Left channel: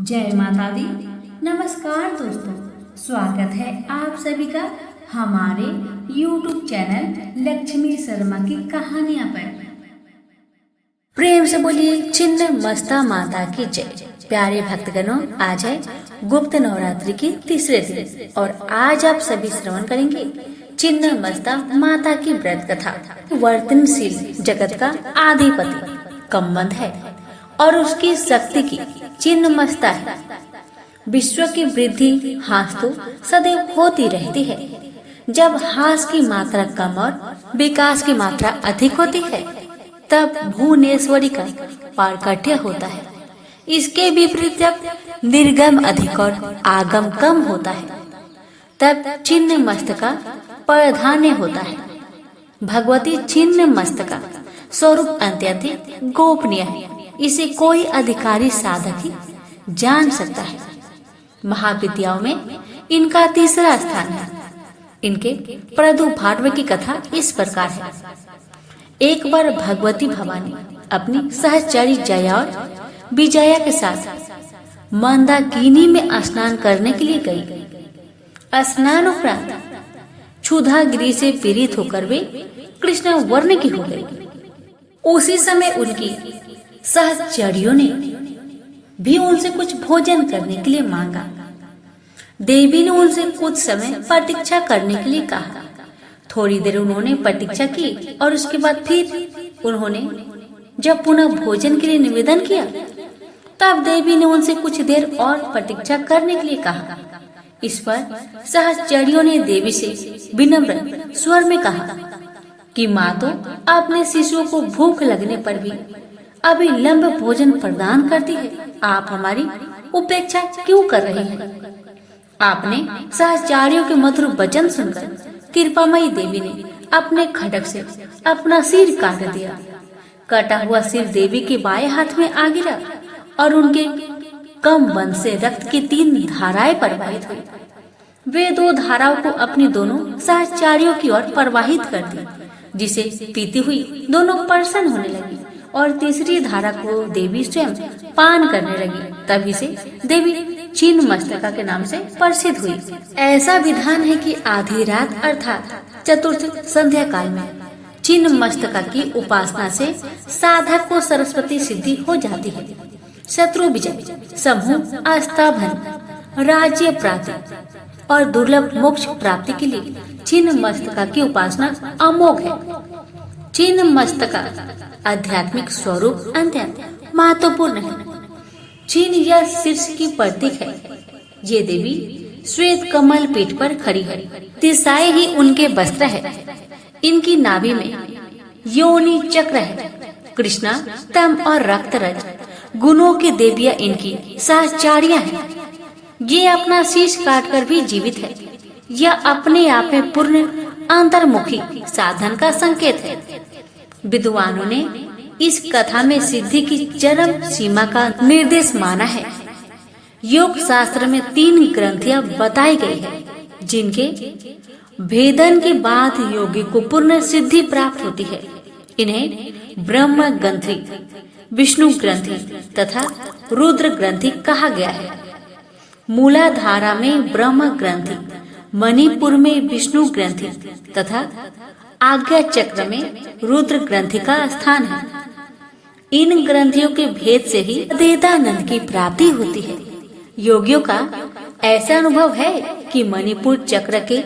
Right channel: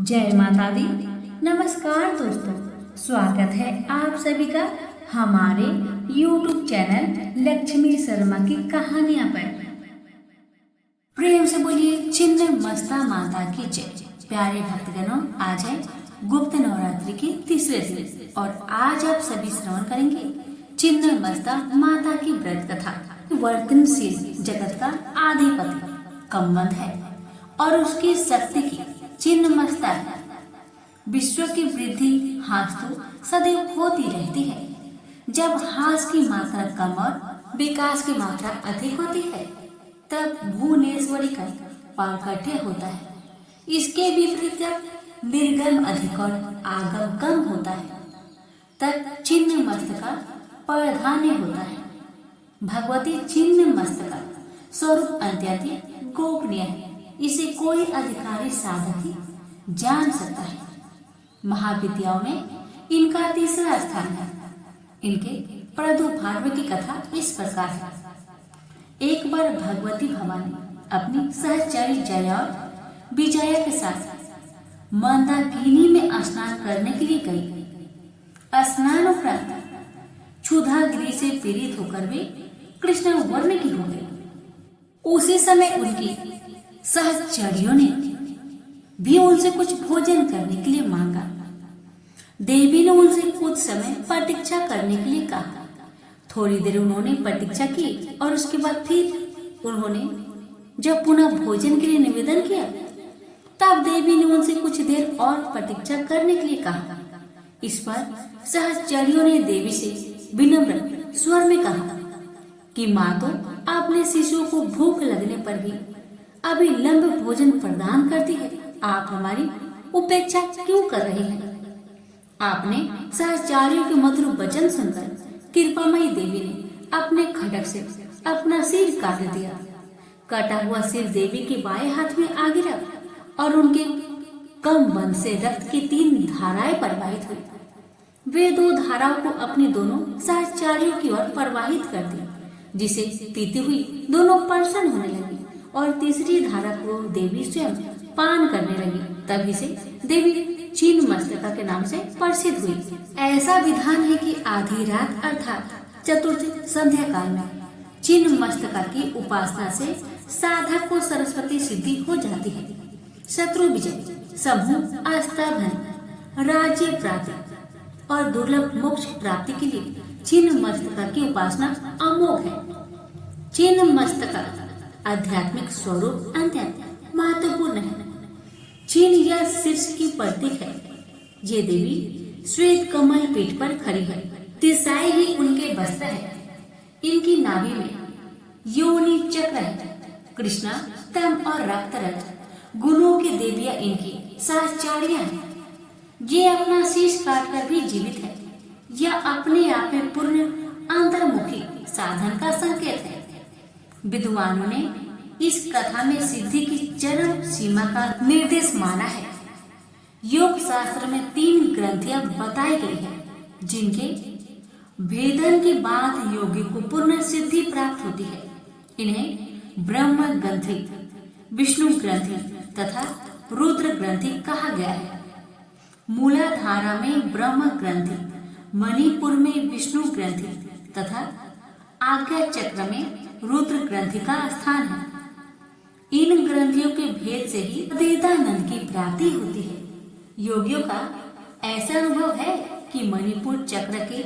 जय माता दी। नमस्कार दोस्तों, स्वागत है आप सभी का हमारे YouTube चैनल लक्ष्मी शर्मा की कहानियां पर। प्रेम से बोलिए छिन्न मस्ता माता की जय। प्यारे भक्तगणों, आज है गुप्त नवरात्रि के तीसरे दिन और आज आप सभी श्रवण करेंगे छिन्न मस्ता माता की व्रत कथा। वर्तनशील जगत का आधिपति कमंद है और उसकी शक्ति की छिन्न मस्ता है। विश्व की वृद्धि हास तो सदैव होती रहती है। जब हास की मात्रा कम और विकास की मात्रा अधिक होती है तब भुवनेश्वरी का पारकट्य होता है। इसके विपरीत जब निर्गम अधिक और आगम कम होता है तब छिन्न मस्तका प्राधान्य होता है। भगवती छिन्न मस्तका स्वरूप अत्यंत गोपनीय है। इसे कोई अधिकारी साधक ही जान सकता है। महाविद्याओं में इनका तीसरा स्थान है। इनके प्रादुर्भाव की कथा इस प्रकार है। एक बार भगवती भवानी अपनी सहचरी जया और विजया के साथ मंदाकिनी में स्नान करने के लिए गई। स्नान उपरांत क्षुधागिरी से पीड़ित होकर वे कृष्ण वर्ण की हो गई। उसी समय उनकी सहचरियों ने भी उनसे कुछ भोजन करने के लिए मांगा। देवी ने उनसे कुछ समय प्रतीक्षा करने के लिए कहा। थोड़ी देर उन्होंने प्रतीक्षा की और उसके बाद फिर उन्होंने जब पुनः भोजन के लिए निवेदन किया तब देवी ने उनसे कुछ देर और प्रतीक्षा करने के लिए कहा। इस पर सहचरियों ने देवी से विनम्र स्वर में कहा कि माँ तो अपने शिशुओं को भूख लगने पर भी अभी लंब भोजन प्रदान करती है। आप हमारी उपेक्षा क्यों कर रही हैं? आपने सहचारियों के मधुर वचन सुनकर कृपामयी देवी ने अपने खड्ग से अपना सिर काट दिया। कटा हुआ सिर देवी के बाएं हाथ में आ गिरा और उनके कम बंद से रक्त की 3 धाराएं प्रवाहित हुई। वे 2 धाराओं को अपनी दोनों सहचारियों की ओर प्रवाहित कर दी, जिसे पीती हुई दोनों प्रसन्न होने लगी और तीसरी धारा को देवी स्वयं पान करने लगी। तभी से देवी छिन्न मस्तका के नाम से प्रसिद्ध हुई। ऐसा विधान है कि आधी रात अर्थात चतुर्थ संध्या काल में छिन्न मस्तका की उपासना से साधक को सरस्वती सिद्धि हो जाती है। शत्रु विजय, समूह आस्थाभन, राज्य प्राप्ति और दुर्लभ मोक्ष प्राप्ति के लिए छिन्न मस्तका की उपासना अमोघ है। छिन्न मस्तका आध्यात्मिक स्वरूप अत्यंत महत्वपूर्ण है। छिन्न यह शीर्ष की प्रतीक है। ये देवी श्वेत कमल पीठ पर खड़ी है। दिशाएं ही उनके वस्त्र है। इनकी नाभि में योनि चक्र है। कृष्णा, तम और रक्तरज गुणों की देवियां इनकी सहचारियां हैं। ये अपना शीश काटकर भी जीवित है। यह अपने आप में पूर्ण अंतर्मुखी साधन का संकेत है। विद्वानों ने इस कथा में सिद्धि की चरम सीमा का निर्देश माना है। योग शास्त्र में 3 ग्रंथियां बताई गई है, जिनके भेदन के बाद योगी को पूर्ण सिद्धि प्राप्त होती है। इन्हें ब्रह्म ग्रंथि, विष्णु ग्रंथि तथा रुद्र ग्रंथि कहा गया है। मूलाधारा में ब्रह्म ग्रंथि, मणिपुर में विष्णु ग्रंथि तथा आज्ञा चक्र में रुद्र ग्रंथि का स्थान है। इन ग्रंथियों के भेद से ही अद्वैतानंद की प्राप्ति होती है। योगियों का ऐसा अनुभव है कि मणिपुर चक्र के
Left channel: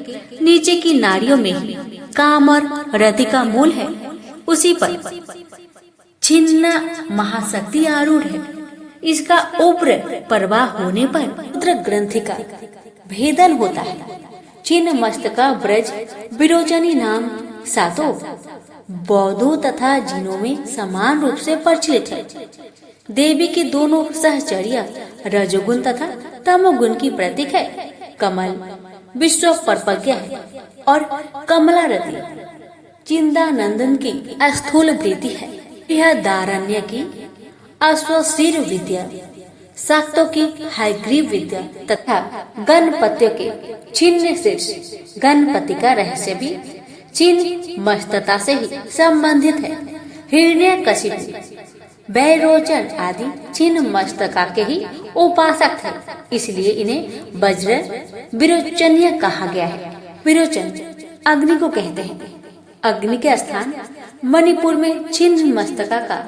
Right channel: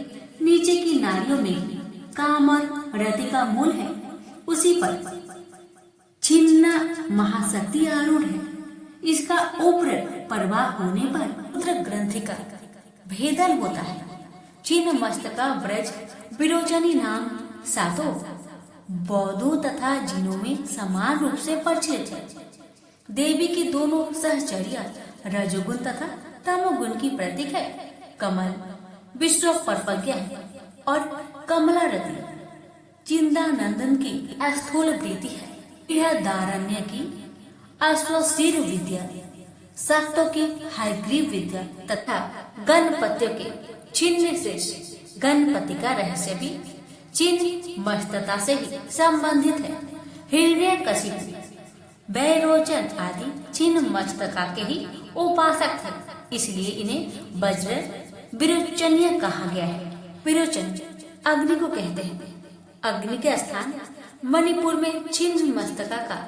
नीचे की नाड़ियों में ही काम और रति का मूल है। उसी पर छिन्न महाशक्ति आरूढ़ है। इसका उग्र प्रवाह होने पर रुद्र ग्रंथि का भेदन होता है। छिन्न मस्तका ब्रज विरोचनी नाम सातों बौद्धों तथा जिनों में समान रूप से प्रचलित है। देवी की दोनों सहचर्या रजोगुण तथा तमोगुण की प्रतीक है। कमल विश्व परपज्ञा है और कमलारती चिंतानंदन की स्थूल वृत्ति है। यह दारण्य की अश्वशीर विद्या, शाक्तों की हयग्रीव विद्या तथा गणपतियों के छिन्न शीर्ष गणपति का रहस्य भी छिन्न मस्तता से ही संबंधित है। हिरण्यकशिपु वैरोचन आदि छिन्न मस्तका के ही उपासक थे, इसलिए इन्हें वज्र विरोचनीय कहा गया है। विरोचन अग्नि को कहते हैं। अग्नि के स्थान मणिपुर में छिन्न मस्तका का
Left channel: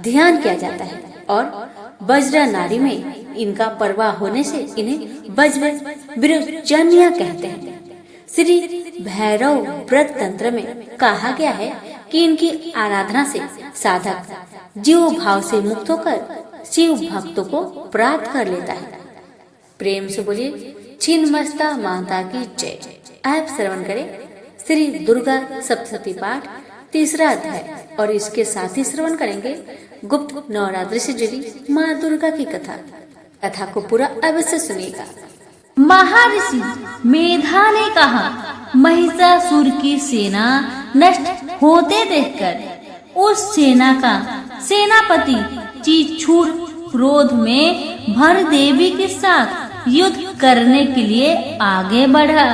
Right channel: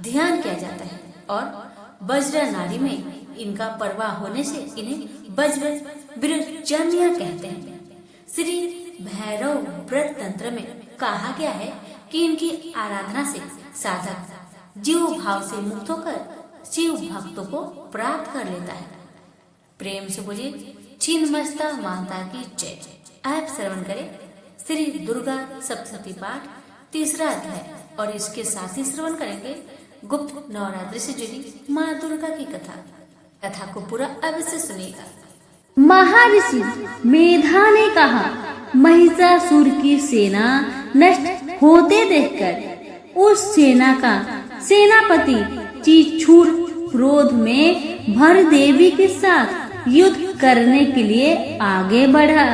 ध्यान किया जाता है और वज्र नाड़ी में इनका प्रवाह होने से इन्हें वज्र विरोचनीय कहते हैं। श्री भैरव व्रत तंत्र में कहा गया है कि इनकी आराधना से साधक जीव भाव से मुक्त होकर शिव भक्तों को प्राप्त कर लेता है। प्रेम से बोलिए छिन्नमस्ता माता की जय। आप श्रवण करें श्री दुर्गा सप्तशती पाठ 3रा अध्याय और इसके साथ ही श्रवण करेंगे गुप्त नवरात्रि से जुड़ी माँ दुर्गा की कथा को पूरा अवश्य सुनिएगा। महर्षि मेधा ने कहा, महिषासुर की सेना नष्ट होते देखकर उस सेना का सेनापति चिछूर क्रोध में भर देवी के साथ युद्ध करने के लिए आगे बढ़ा।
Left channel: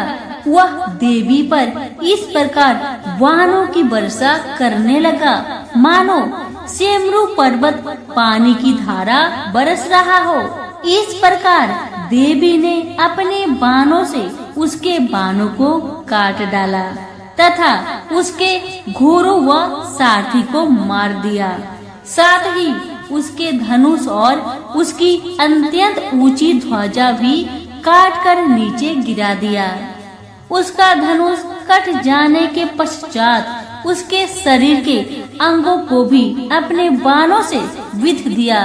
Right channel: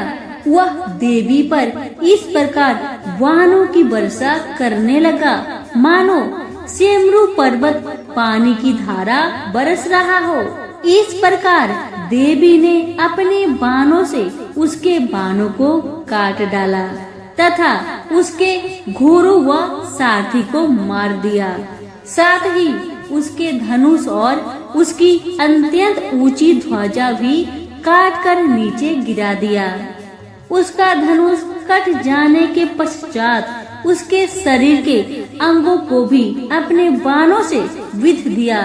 वह देवी पर इस प्रकार बाणों की वर्षा करने लगा मानो सेमरू पर्वत पानी की धारा बरस रहा हो। इस प्रकार देवी ने अपने बाणों से उसके बाणों को काट डाला तथा उसके घोड़ों व सारथी को मार दिया। साथ ही उसके धनुष और उसकी अत्यंत ऊंची ध्वजा भी काट कर नीचे गिरा दिया। उसका धनुष कट जाने के पश्चात उसके शरीर के अंगों को भी अपने बाणों से विध दिया।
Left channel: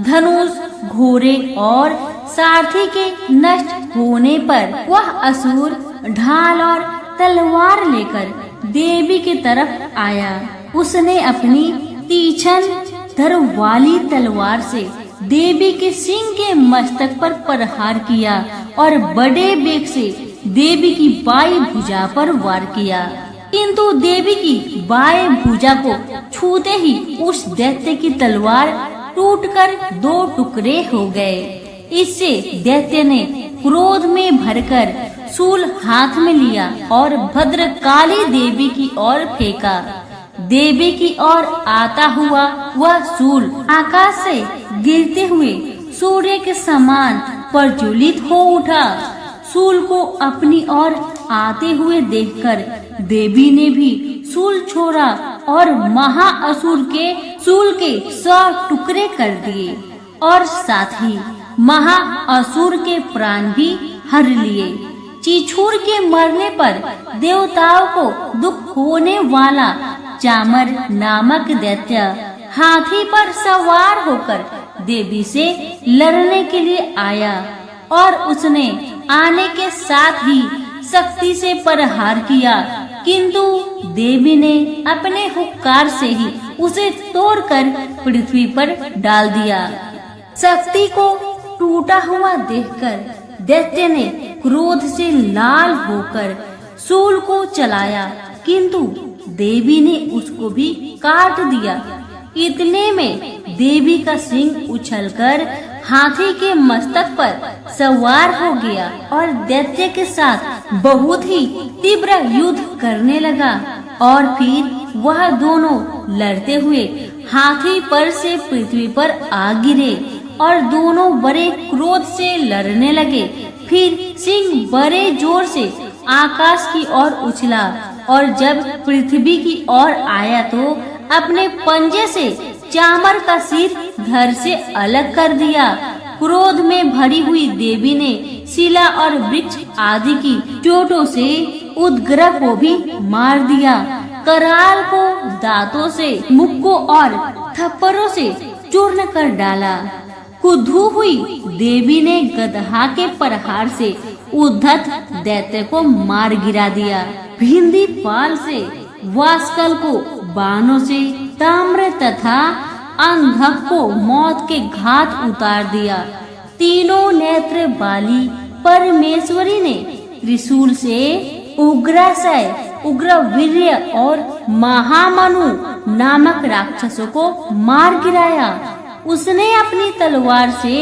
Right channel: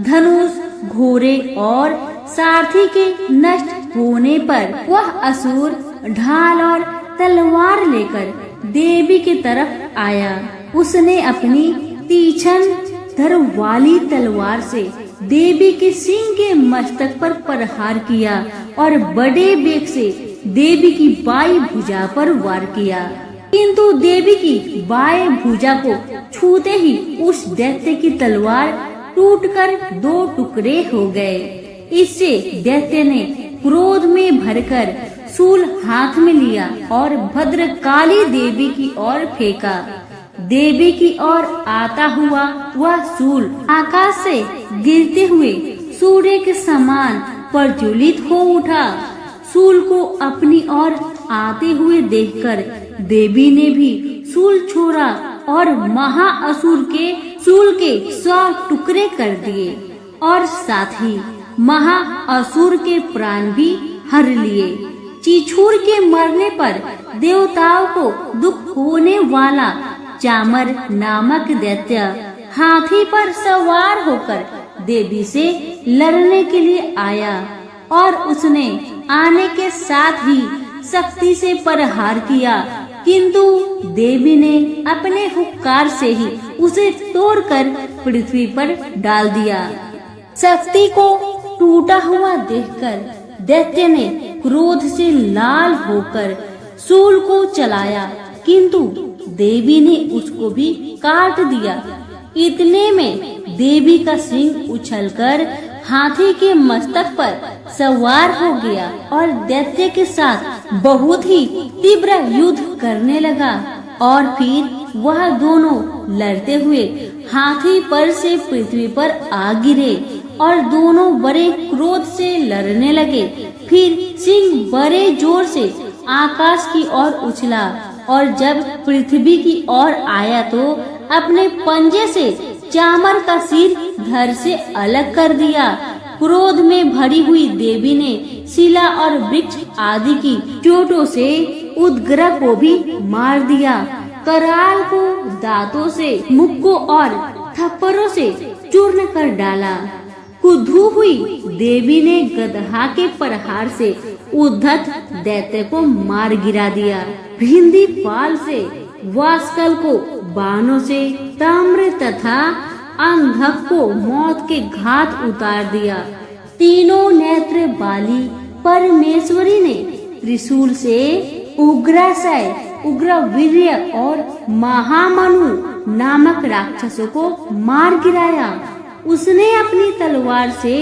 धनुष, घोड़े और सारथी के नष्ट होने पर वह असुर ढाल और तलवार लेकर देवी के तरफ आया। उसने अपनी तीक्ष्ण धार वाली तलवार से देवी के सिंह के मस्तक पर प्रहार किया और बड़े वेग से देवी की बाई भुजा पर वार किया, किंतु देवी की बाएं भुजा को छूते ही उस दैत्य की तलवार टूटकर 2 टुकड़े हो गए। इससे दैत्य ने क्रोध में भरकर शूल हाथ में लिया और भद्रकाली देवी की ओर फेंका। देवी की ओर आता हुआ वह शूल आकाश से गिरते हुए सूर्य के समान प्रज्वलित हो उठा। शूल को अपनी ओर आते हुए देखकर देवी ने भी शूल छोड़ा और महाअसुर के शूल के 100 टुकड़े कर दिए और साथ ही महाअसुर के प्राण भी हर लिए। चिछूर के मरने पर देवताओं को दुख होने वाला चामर नामक दैत्य हाथी पर सवार होकर देवी से लड़ने के लिए आया और उसने आने के साथ ही शक्ति से प्रहार किया, किंतु देवी ने अपने हुक्कार से ही उसे तोड़कर पृथ्वी पर डाल दिया। शक्ति को टूटा हुआ देखकर दैत्य ने क्रोध से लाल होकर शूल को चलाया, किंतु देवी ने उसको भी काट दिया। इतने में देवी का सिंह उछलकर हाथी के मस्तक पर सवार हो गया और दैत्य के साथ बहुत ही तीव्र युद्ध करने लगा और फिर वह दोनों लड़ते हुए हाथी पर से पृथ्वी पर आ गिरे और दोनों बड़े क्रोध से लड़ने लगे। फिर सिंह बड़े जोर से आकाश की ओर उछला और जब पृथ्वी की ओर आया तो अपने पंजे से चामर का सिर घर से अलग कर दिया। क्रोध में भरी हुई देवी ने शिला और वृक्ष आदि की चोटों से उदग्रह को भी मार दिया। कराल को दांतों से, मुक्कों और थप्पड़ों से चूर्ण कर डाला। क्रुद्ध हुई देवी ने गदहा के प्रहार से उद्धत दैत्य को मार गिरा दिया। भिंदी पाल से वास्कल को बाणों से, ताम्र तथा अंधक को मौत के घाट उतार दिया। तीनों नेत्र वाली परमेश्वरी ने त्रिशूल से उग्राशय, उग्रवीर्य और महामनु नामक राक्षसों को मार गिराया। उसने अपनी तलवार से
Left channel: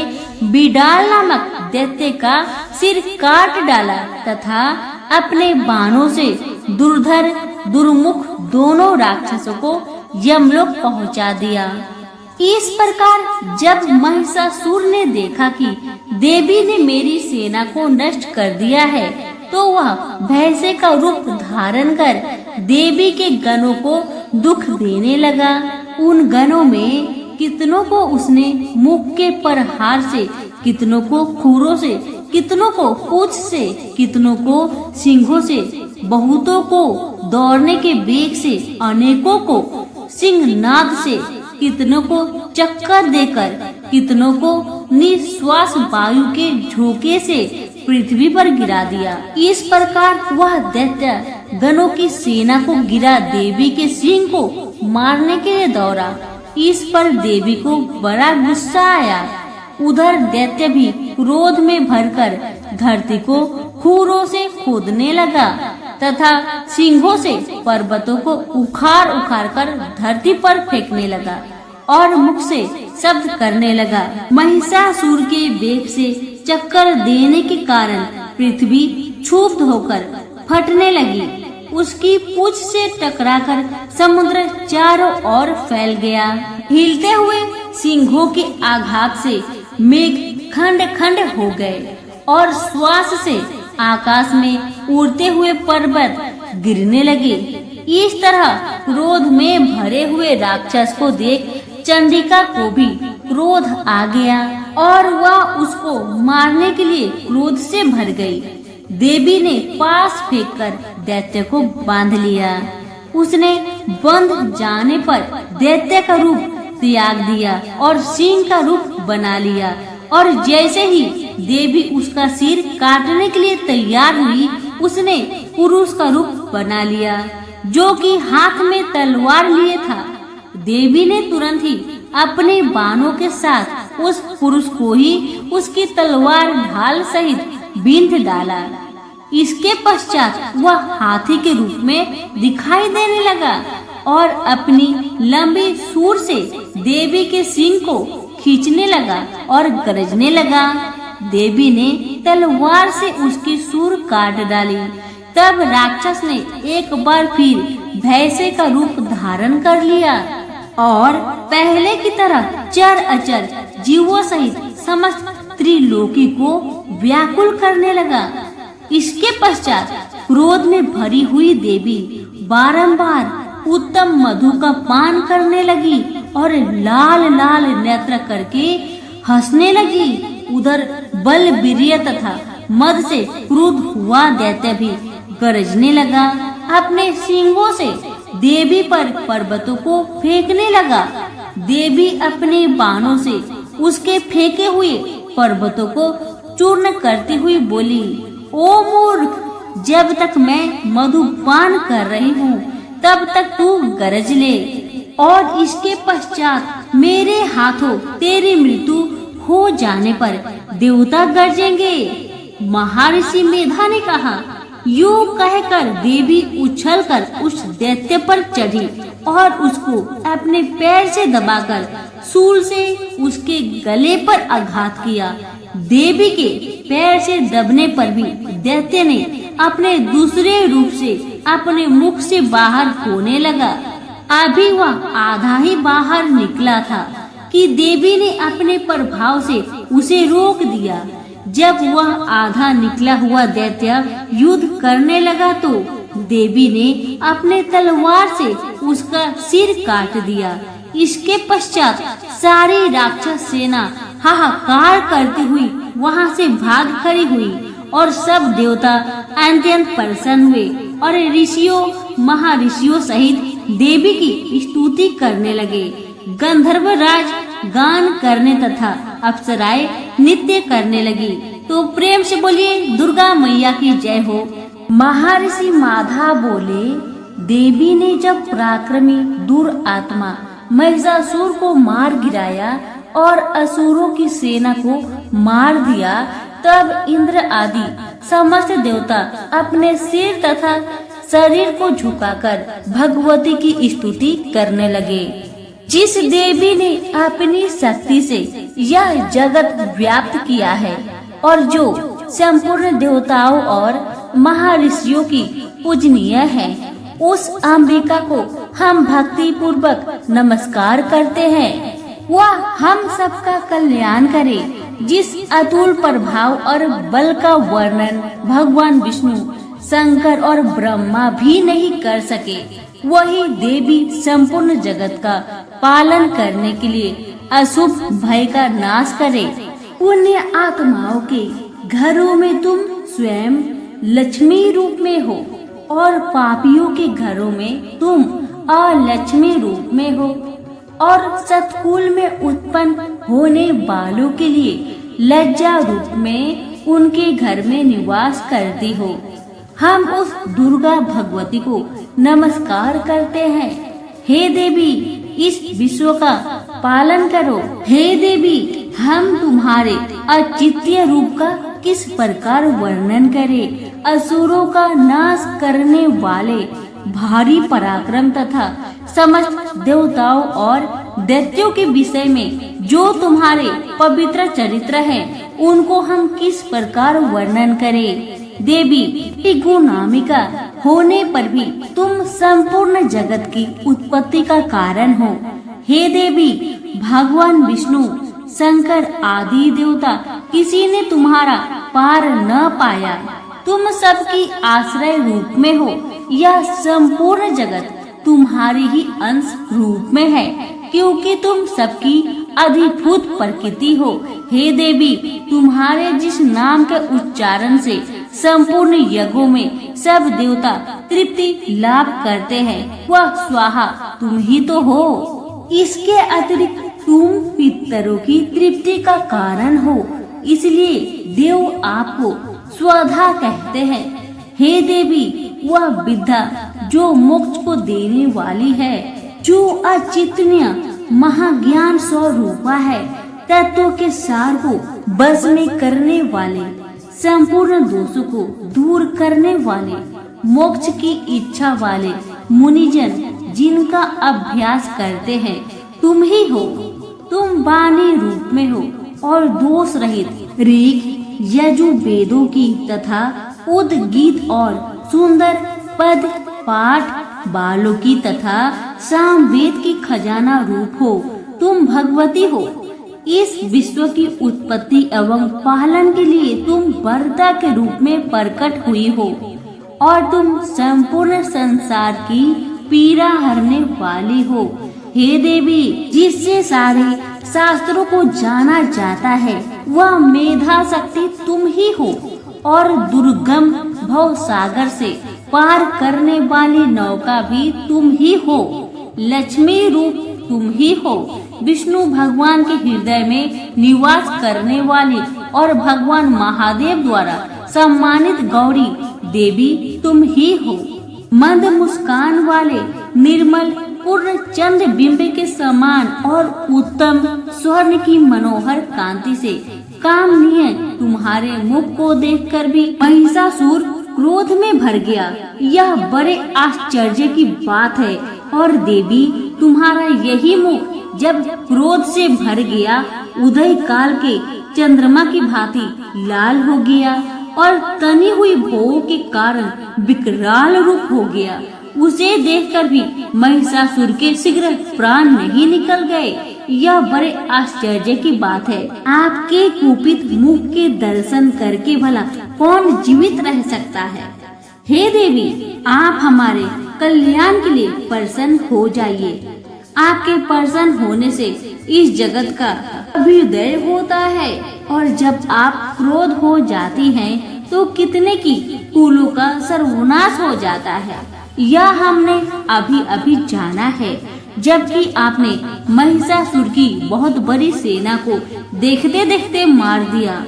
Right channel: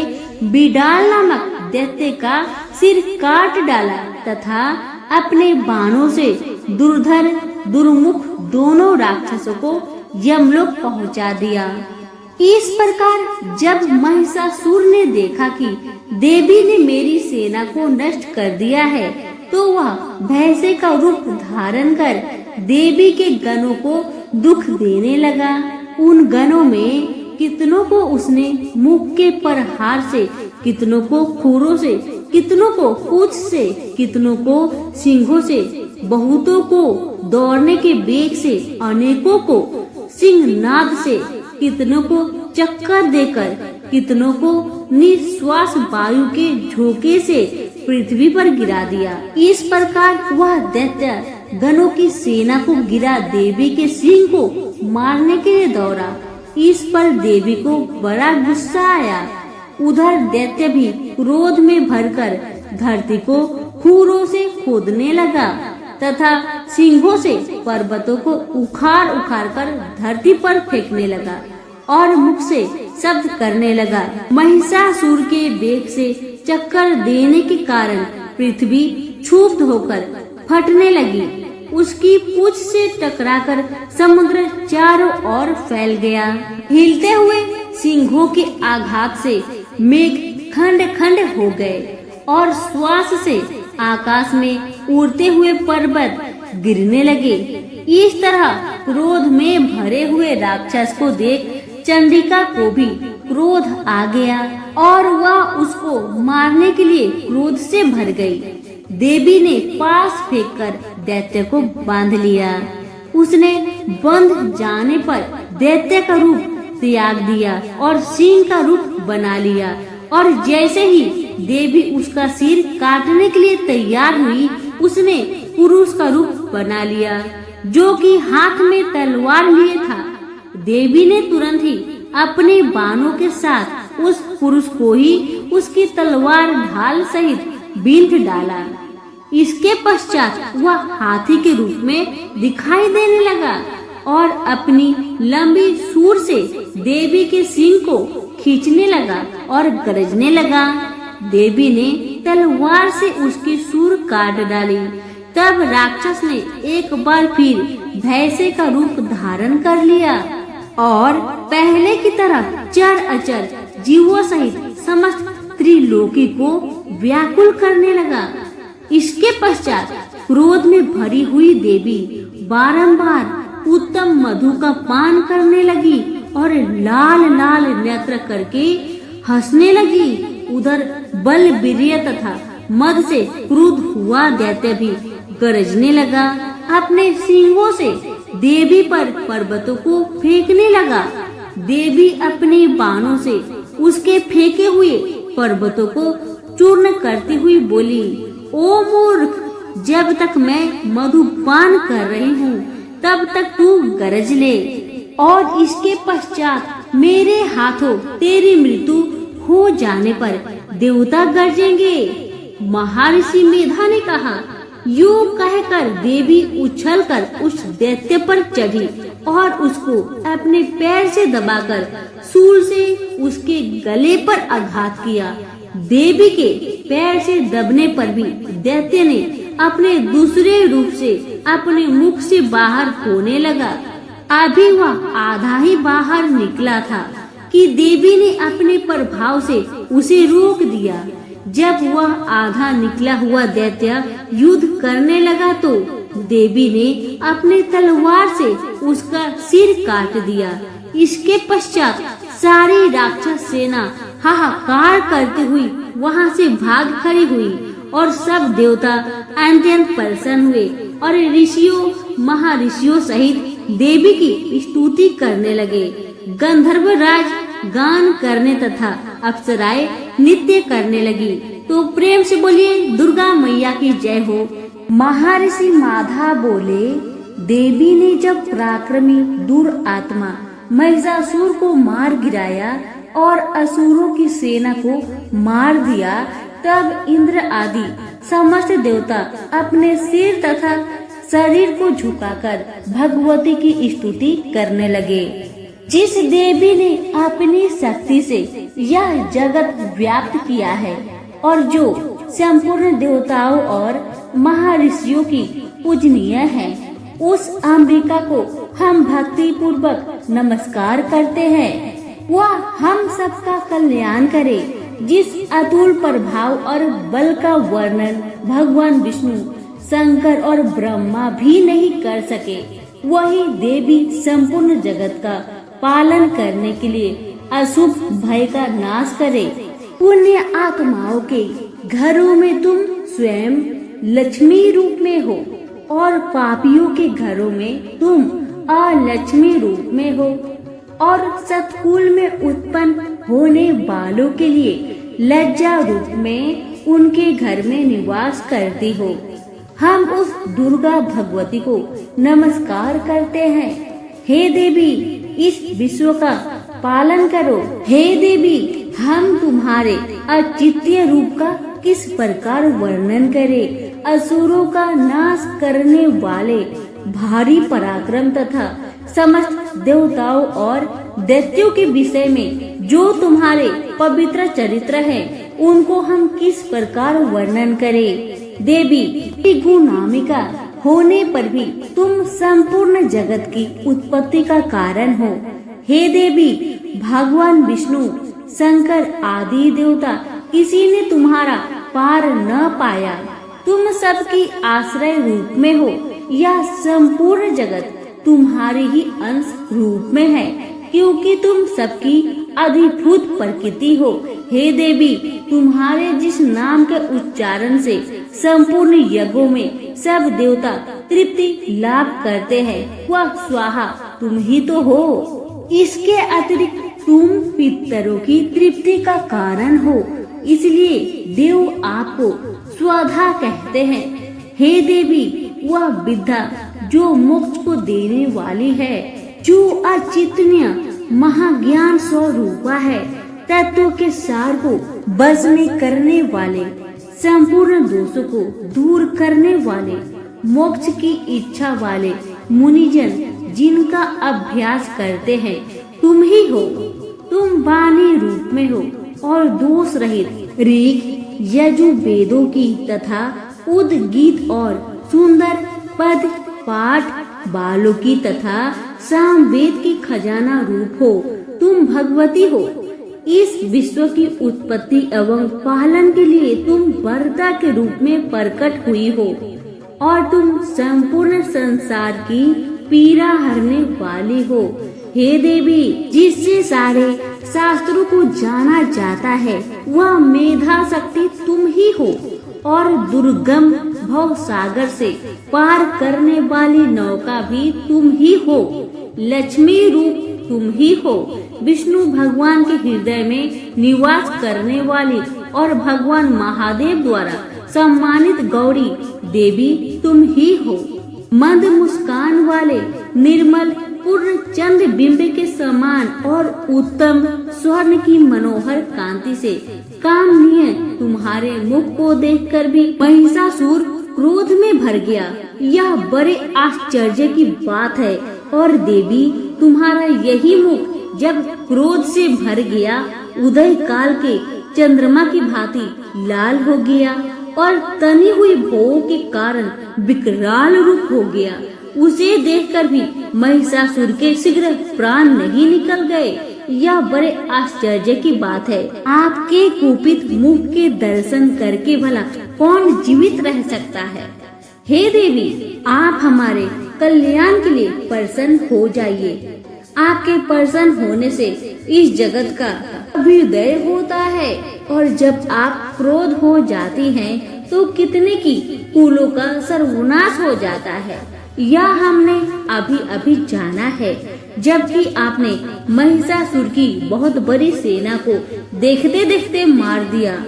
बिडाल नामक दैत्य का सिर काट डाला तथा अपने बाणों से दुर्धर दुर्मुख दोनों राक्षसों को यमलोक पहुंचा दिया। इस प्रकार जब महिषासुर ने देखा कि देवी ने मेरी सेना को नष्ट कर दिया है, तो वह भैंसे का रूप धारण कर देवी के गणों को दुख देने लगा। उन गणों में कितनों को उसने मुख के प्रहार से, कितनों को खुरों से, कितनों को पूंछ से, कितनों को सिंघों से, बहुतों को दौड़ने के बेग से, अनेकों को सिंहनाद से, कितनों को चक्कर देकर, कितनों को निश्वास वायु के झोंके से पृथ्वी पर गिरा दिया। इस प्रकार वह दैत्य गणों की सेना को गिरा देवी के सिंह को मारने के लिए दौड़ा। इस पर देवी को बड़ा गुस्सा आया। उधर दैत्य भी क्रोध में भरकर धरती को खूरों से खोदने लगा तथा सिंहों से पर्वतों को उखाड़ उखाड़ कर धरती पर फेंकने लगा और मुख से शब्द करने लगा। महिषासुर के बेग से चक्कर देने के कारण पृथ्वी क्षुब्ध होकर फटने लगी। उसकी पूंछ से टकराकर समुद्र चारों ओर फैल गया। हिलते हुए सिंहों के आघात से मेघ खंड खंड हो गए और श्वास से आकाश में उड़ते हुए पर्वत गिरने लगे। इस तरह क्रोध में भरे हुए राक्षस को देख चंडिका को भी क्रोध आ गया और वह उसको मारने के लिए क्रोध से भर गई। देवी ने पास फेंककर दैत्य को बांध लिया। उसने बंध जाने पर दैत्य का रूप त्याग दिया और सिंह का रूप बना लिया और जैसे ही देवी उसका सिर काटने के लिए तैयार हुई, उसने पुरुष का रूप बना लिया जो कि हाथ में तलवार लिए था। देवी ने तुरंत ही अपने बाणों के साथ उस पुरुष को ही उसकी तलवार ढाल सहित बींध डाला। इसके पश्चात वह हाथी के रूप में दिखाई देने लगा और अपनी लंबी सूंड से देवी के सिंह को खींचने लगा और गरजने लगा। देवी ने तलवार से उसकी सूंड काट डाली। तब राक्षस ने एक बार फिर भैंसे का रूप धारण कर लिया और पहले की तरह चर अचर जीवों सहित समस्त त्रिलोकी को व्याकुल करने लगा। इसके पश्चात क्रोध में भरी हुई देवी बारंबार उत्तम मधु का पान करने लगी और लाल लाल नेत्र करके हंसने लगी। उधर बलवीर्य तथा मद से क्रुद्ध हुआ दैत्य भी गरजने लगा। अपने सिंगों से देवी पर पर्वतों को फेंकने लगा। देवी अपने बाणों से उसके फेंके हुए पर्वतों को चूर्ण करती हुई बोली, ओ मूर्ख, जब तक मैं मधुपान कर रही हूँ तब तक तू गरज ले और इसके पश्चात मेरे हाथों तेरी मृत्यु हो जाने पर देवता गरजेंगे। महर्षि मेधा ने कहा। यूं कहकर देवी उछलकर उस दैत्य पर चढ़ी और उसको अपने पैर से दबाकर शूल से उसके गले पर आघात किया। देवी के पैर से दबने पर भी दैत्य ने अपने दूसरे रूप से अपने मुख से बाहर होने लगा। अभी वह आधा ही बाहर निकला था कि देवी ने अपने प्रभाव से उसे रोक दिया। जब वह आधा निकला हुआ दैत्य युद्ध करने लगा तो देवी ने अपने तलवार से उसका सिर काट दिया। इसके पश्चात सारी राक्षस सेना हाहाकार करती हुई वहां से भाग खड़ी हुई और सब देवता अत्यंत प्रसन्न हुए और ऋषियों महर्षियों सहित देवी की स्तुति करने लगे। गंधर्व राज गान करने तथा अप्सराएं नृत्य करने लगी। तो प्रेम से बोलिए दुर्गा मैया की जय हो। महर्षि माधा बोले, देवी ने जब पराक्रमी दुरात्मा महिषासुर को मार गिराया और असुरों की सेना को मार दिया, तब इंद्र आदि समस्त देवता अपने सिर तथा शरीर को झुकाकर भगवती की स्तुति करने लगे। जिस देवी ने अपनी शक्ति से यह जगत व्याप्त किया है और जो संपूर्ण देवताओं और महर्षियों की पूजनीय है, उस अंबिका को हम भक्ति पूर्वक नमस्कार करते हैं। वह हम सबका कल्याण करे। जिस अतुल प्रभाव और बल का वर्णन भगवान विष्णु, शंकर और ब्रह्मा भी नहीं कर सके, वही देवी संपूर्ण जगत का पालन करने के लिए अशुभ भय का नाश करे। पुण्य आत्माओं के घरों में तुम स्वयं लक्ष्मी रूप में हो और पापियों के घरों में तुम अलक्ष्मी रूप में हो, और सतकुल में उत्पन्न होने वालों के लिए लज्जा रूप में उनके घर में निवास करती हो। हम उस दुर्गा भगवती को नमस्कार करते हैं। हे देवी, इस विश्व का पालन करो। हे देवी, हम तुम्हारे अचिंत्य रूप का किस प्रकार वर्णन करें। असुरों का नाश करने वाले भारी पराक्रम तथा समस्त देवताओं और दैत्यों के विषय में जो तुम्हारे पवित्र चरित्र हैं, उनको हम किस प्रकार वर्णन करें। देवी, गुणामिका होने पर भी तुम संपूर्ण जगत की उत्पत्ति का कारण हो। हे देवी, भगवान विष्णु, शंकर आदि देवता किसी ने तुम्हारा पार न पाया। तुम सबकी आश्रय रूप में हो। यह संपूर्ण जगत तुम्हारे ही अंश रूप में है, क्योंकि तुम सबकी अधिभूत प्रकृति हो। हे देवी, तुम्हारे जिस नाम के उच्चारण से संपूर्ण यज्ञों में सब देवता तृप्ति लाभ करते हैं, वह स्वाहा तुम ही तो हो। इसके अतिरिक्त तुम पितरों की तृप्ति का कारण हो, इसलिए देव आपको स्वधा कहते हैं। हे देवी, वह विद्या जो मोक्ष को देने वाली है, जो अचिंत्य महाज्ञान स्वरूपा है, तत्व के सार को बस में करने वाले, संपूर्ण दोषों को दूर करने वाले, मोक्ष की इच्छा वाले मुनिजन जिनका अभ्यास करते हैं, तुम ही हो। तुम वाणी रूप में हो और दोष रहित ऋग यजु वेदों की तथा उद्गीत और सुंदर पद पाठ बालों की तथा सामवेद की खजाना रूप हो। तुम भगवती हो। इस विश्व की उत्पत्ति एवं पालन के लिए तुम वरदा के रूप में प्रकट हुई हो, और तुम संपूर्ण संसार की पीड़ा हरने वाली हो। हे देवी, जिससे सारे शास्त्रों को जाना जाता है, वह मेधा शक्ति तुम ही हो, और दुर्गम भव सागर से पार करने वाली नौका भी तुम ही हो। लक्ष्मी रूप तुम ही हो। विष्णु भगवान के हृदय में निवास करने वाली और भगवान महादेव द्वारा सम्मानित गौरी देवी तुम ही हो। मंद मुस्कान वाले निर्मल पूर्ण चंद्र बिंब के समान और उत्तम स्वर्ण की मनोहर कांति से कामनीय तुम्हारे मुख को देखकर भी महिषासुर क्रोध में भर गया। यह बड़े आश्चर्य की बात है। और देवी, तुम्हारा यही मुख जब क्रोध से भर गया, उदय काल के चंद्रमा की भांति लाल हो गया और तनी हुई भोग के कारण विकराल रूप हो गया। उसे देखकर भी महिषासुर के शीघ्र प्राण नहीं निकल गए। यह बड़े आश्चर्य की बात है। आपके कुपित मुख के दर्शन करके भला कौन जीवित रह सकता है। हे देवी, आप हमारे कल्याण के लिए प्रसन्न हो जाइए। आपके प्रसन्न होने से इस जगत का अभ्युदय होता है, और जब आप क्रोध हो जाती हैं, तो कितने की कुलों का सर्वनाश हो जाता है। यह हमने अभी अभी जाना है, जबकि आपने महिषासुर की बहुत बड़ी सेना को देखते देखते मार दिया।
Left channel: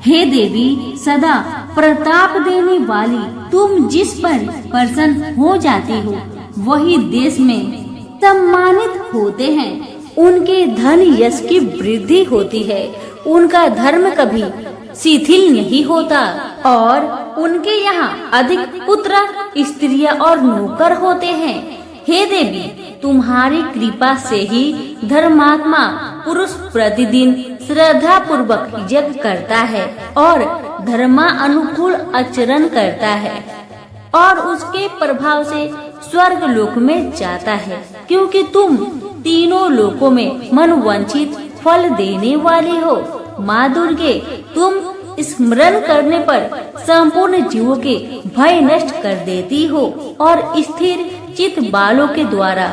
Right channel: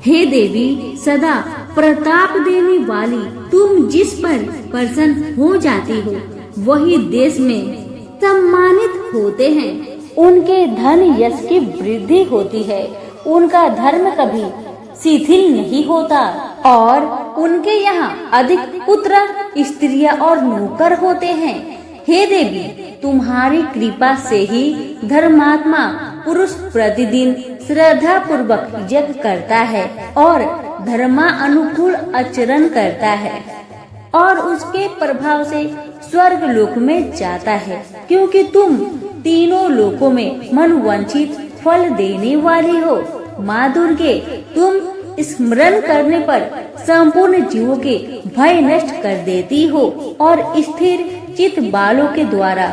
हे देवी, सदा प्रताप देने वाली, तुम जिस पर प्रसन्न हो जाती हो, वही देश में सम्मानित होते हैं। उनके धन यश की वृद्धि होती है। उनका धर्म कभी शिथिल नहीं होता, और उनके यहाँ अधिक पुत्र, स्त्रियां और नौकर होते हैं। हे देवी, तुम्हारी कृपा से ही धर्मात्मा पुरुष प्रतिदिन श्रद्धा पूर्वक यज्ञ करता है और धर्मा अनुकूल आचरण करता है। और उसके प्रभाव से स्वर्ग लोक में जाता है, क्योंकि तुम तीनों लोकों में मनवांछित फल देने वाली हो। माँ दुर्गे, तुम स्मरण करने पर संपूर्ण जीवों के भय नष्ट कर देती हो और स्थिर चित बालों के द्वारा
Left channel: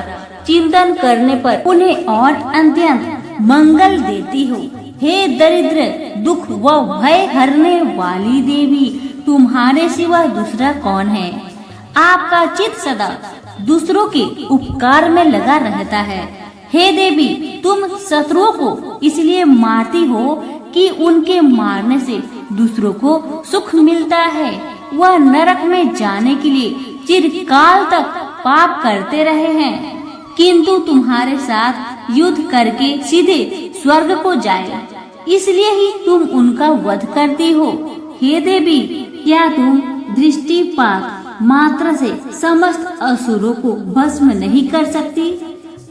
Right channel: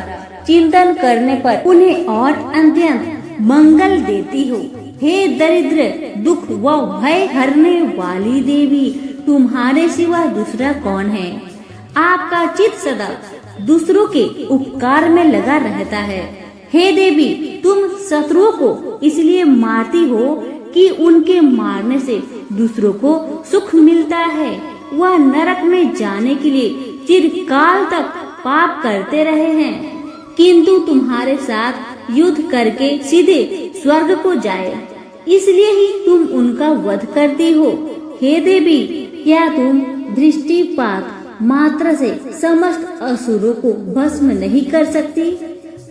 चिंतन करने पर उन्हें और अत्यंत मंगल देती हो। हे दरिद्र, दुख व भय हरने वाली देवी, तुम्हारे सिवा दूसरा कौन है? आपका चित सदा दूसरों के उपकार में लगा रहता है। हे देवी, तुम शत्रुओं को इसलिए मारती हो कि उनके मारने से दूसरों को सुख मिलता है। वह नरक में जाने के लिए चिरकाल तक पाप करते रहे हैं, किंतु तुम्हारे साथ युद्ध करके सीधे स्वर्ग को जाए, इसलिए ही तुम उनका वध करती हो। हे देवी, क्या तुम दृष्टिपात मात्र से समस्त असुरों को भस्म नहीं कर सकती?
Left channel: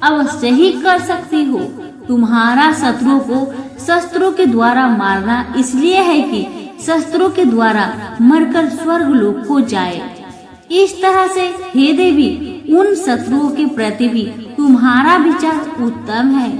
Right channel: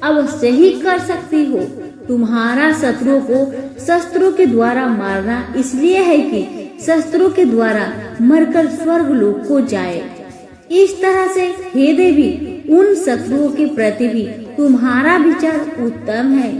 अवश्य ही कर सकती हो। तुम्हारा शत्रुओं को शस्त्रों के द्वारा मारना इसलिए है कि शस्त्रों के द्वारा मरकर स्वर्ग लोक को जाए। इस तरह से हे देवी, उन शत्रुओं के प्रति भी तुम्हारा विचार उत्तम है।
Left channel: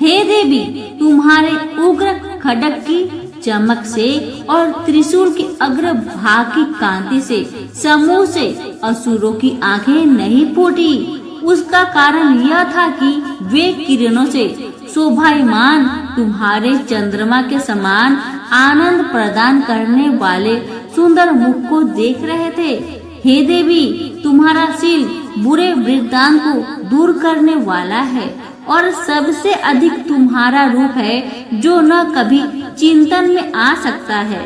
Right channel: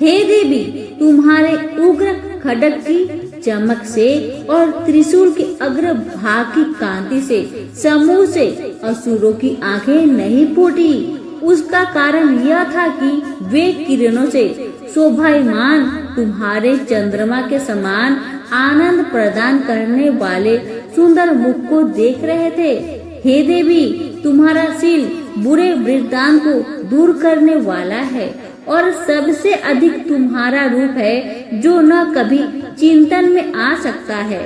हे देवी, तुम्हारे उग्र खड्ग की चमक से और त्रिशूल के अग्र भाग की कांति से समूह से असुरों की आंखें नहीं फूटी। उसका कारण यह था कि वे किरणों से शोभायमान तुम्हारे चंद्रमा के समान आनंद प्रदान करने वाले सुंदर मुख को देख रहे थे। हे देवी, तुम्हारा शील बुरे वृत्तांत को दूर करने वाला है और सबसे अधिक तुम्हारा रूप है जो न कभी चिंतन में आ सकता है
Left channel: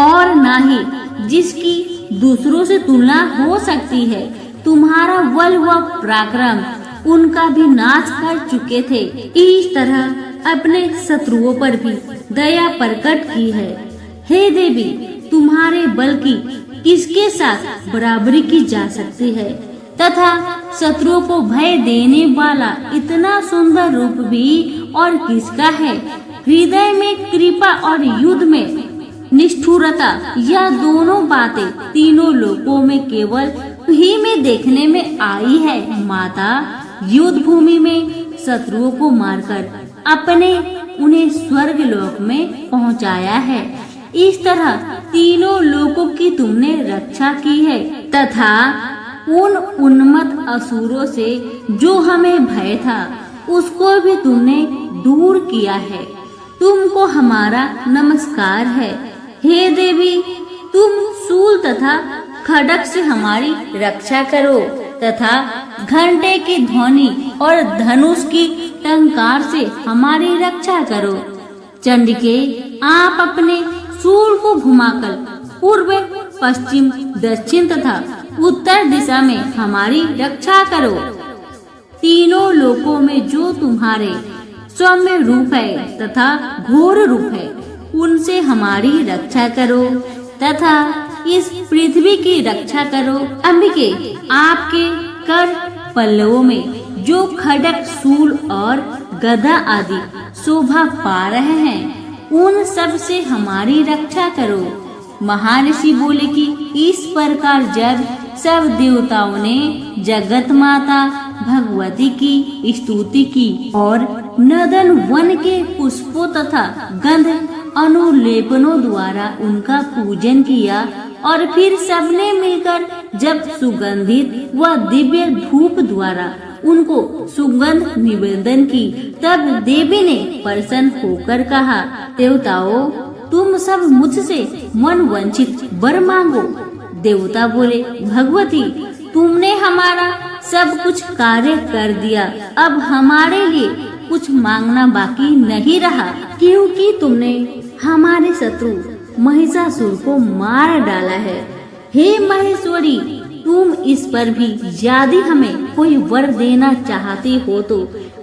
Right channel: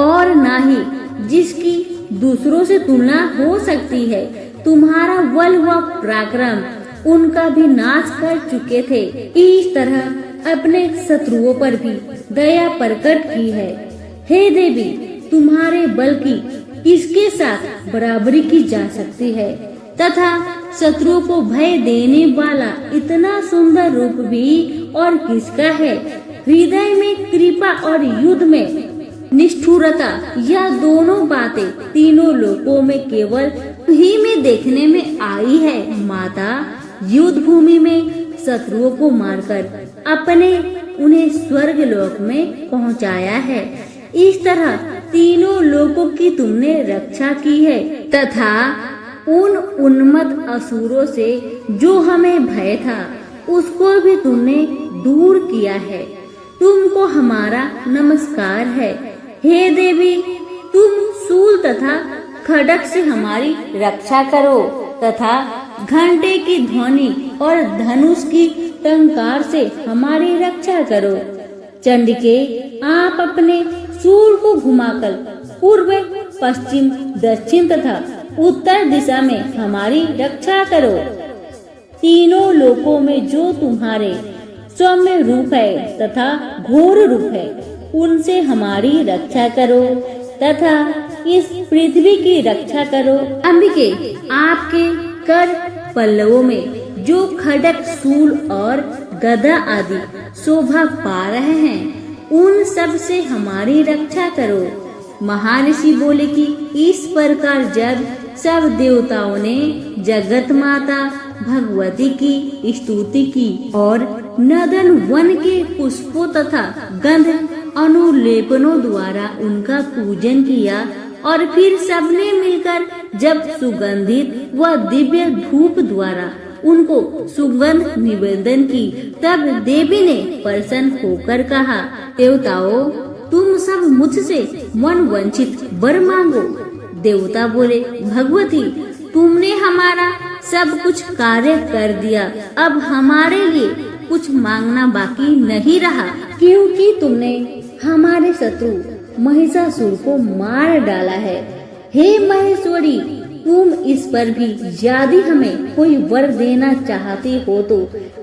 और न ही जिसकी दूसरों से तुलना हो सकती है। तुम्हारा बल व पराक्रम उनका भी नाश कर चुके थे। इस तरह अपने शत्रुओं पर भी दया प्रकट की है। हे देवी, तुम्हारे बल की किसके साथ बराबरी की जा सकती है तथा शत्रुओं को भय देने वाला इतना सुंदर रूप भी और किसका है? हृदय में कृपा और युद्ध में निष्ठुरता, यह दोनों बातें तीनों लोकों में केवल ही में देखने में आई है। माता, युद्ध भूमि में शत्रुओं को मारकर अपने उन्हें स्वर्ग लोक में पहुंचाया है। इस तरह तीनों लोकों की तुमने रक्षा की है तथा उन उन्मत्त असुरों से जो हमें भय था उसको भी तुमने दूर किया है। तुमको हमारा नमस्कार है। हे देवी, तुम शूल तथा खड्ग से हमारी रक्षा करो तथा घंटे की ध्वनि और धनुष की टंकार से हमारी रक्षा करो। चंडिके, आप अपने शूल को घुमाकर पूर्व, पश्चिम, दक्षिण तथा उत्तर दिशा में हमारी रक्षा करो। तीनों लोकों में जो तुम्हारे सौम्य रूप है तथा घोर रूप है, उनसे हमारी रक्षा करो तथा इस पृथ्वी की रक्षा करो। अंबिके, आपके कर पल्लवों में जो खड्ग, शूल और गदा आदि शोभा पा रहे हैं, उन सब से हमारी रक्षा करो। महर्षि बोले कि इस प्रकार जब सब देवताओं ने जगत माता भगवती की स्तुति की और नदन वन के पुष्पों तथा गंध अनुलेपनों द्वारा उनका पूजन किया और फिर सबने मिलकर जब सुगंधित व दिव्य धूप द्वारा उनको सुगंध निवेदन की, तब देवी ने प्रसन्न होकर कहा, देवताओं, तुम सब मुझसे मन वंचित वर मांगो। देवता बोले, भगवती, तुमने हमारा सब कुछ कार्य कर दिया, अब हमारे लिए कुछ मांगना बाकी नहीं रहा, क्योंकि तुमने हमारे शत्रु महिषासुर को मार डाला है। हे महेश्वरी, तुम इस पर भी यदि हमें कोई वर देना चाहती हो तो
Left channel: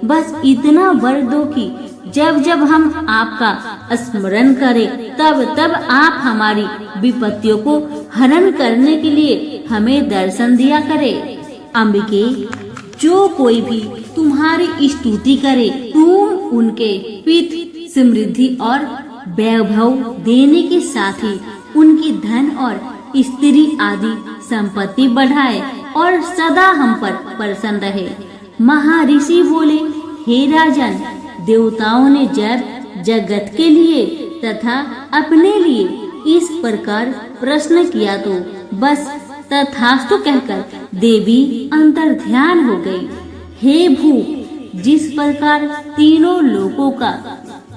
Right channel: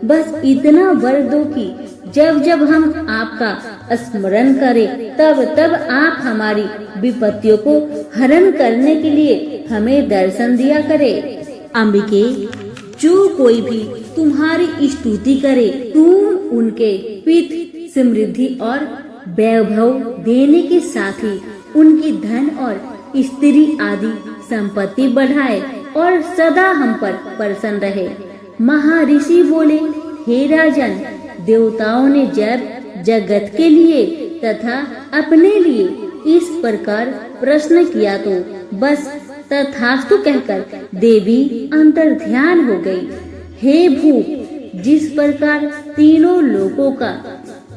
बस इतना वर दो कि जब जब हम आपका स्मरण करें तब तब आप हमारी विपत्तियों को हरण करने के लिए हमें दर्शन दिया करे। अंबिके, जो कोई भी तुम्हारी स्तुति करे, तुम उनके पित समृद्धि और वैभव देने के साथ ही उनकी धन और स्त्री आदि संपत्ति बढ़ाए और सदा हम पर प्रसन्न रहे। महर्षि बोले, हे राजन, देवताओं ने जब जगत के लिए तथा अपने लिए इस प्रकार प्रश्न किया तो बस तथास्तु कहकर देवी अंतर ध्यान हो गई। हे भूप, जिस प्रकार तीनों लोकों का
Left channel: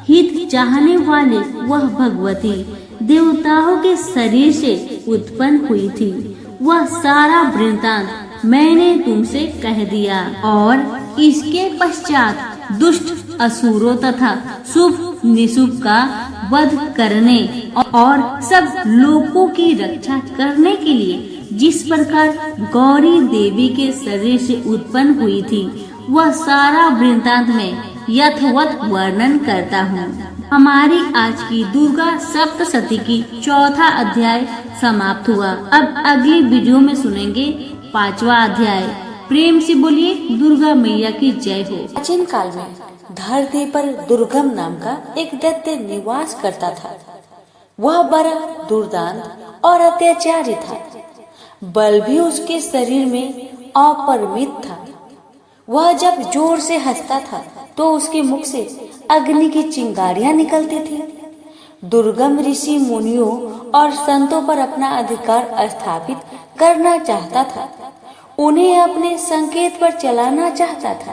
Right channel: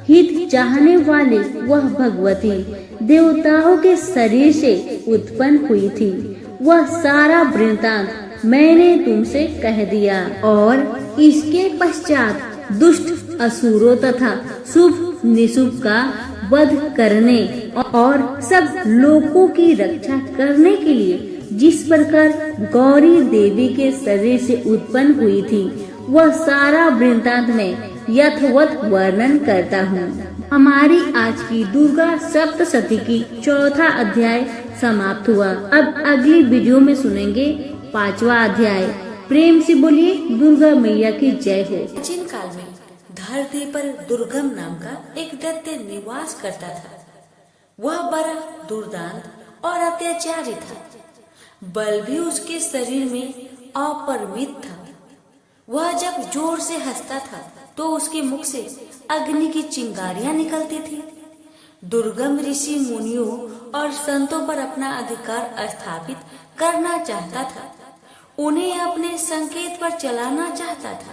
हित चाहने वाले वह भगवती देवताओं के शरीर से उत्पन्न हुई थी, वह सारा वृत्तांत मैंने तुमसे कह दिया। और इसके पश्चात दुष्ट असुरों तथा शुभ निशुभ का वध करने और सब लोगों की रक्षा करने के लिए जिस प्रकार गौरी देवी के शरीर से उत्पन्न हुई थी, वह सारा वृत्तांत में यथवत वर्णन करता हूँ। हमारी आज की दुर्गा सप्तशती की चौथा अध्याय समाप्त हुआ। अब अगली वीडियो में सुनेंगे 5वां अध्याय। प्रेम से बोलिए दुर्गा मैया की जय हो। प्राचीन काल में धरती पर दुर्गम नाम का एक दैत्य निवास करता था। वह बड़ा दुर्दांत और अत्याचारी था। बल भी उसके शरीर में अपरिमित था। वह जब जोर से हंसता था तो उसके मुख से अग्नि की चिंगारियां निकलती थी। दुर्गम ऋषि मुनियों और संतों पर अपना अधिकार स्थापित करना चाहता था। उन्हें अपने संकेत पर चलाना चाहता था,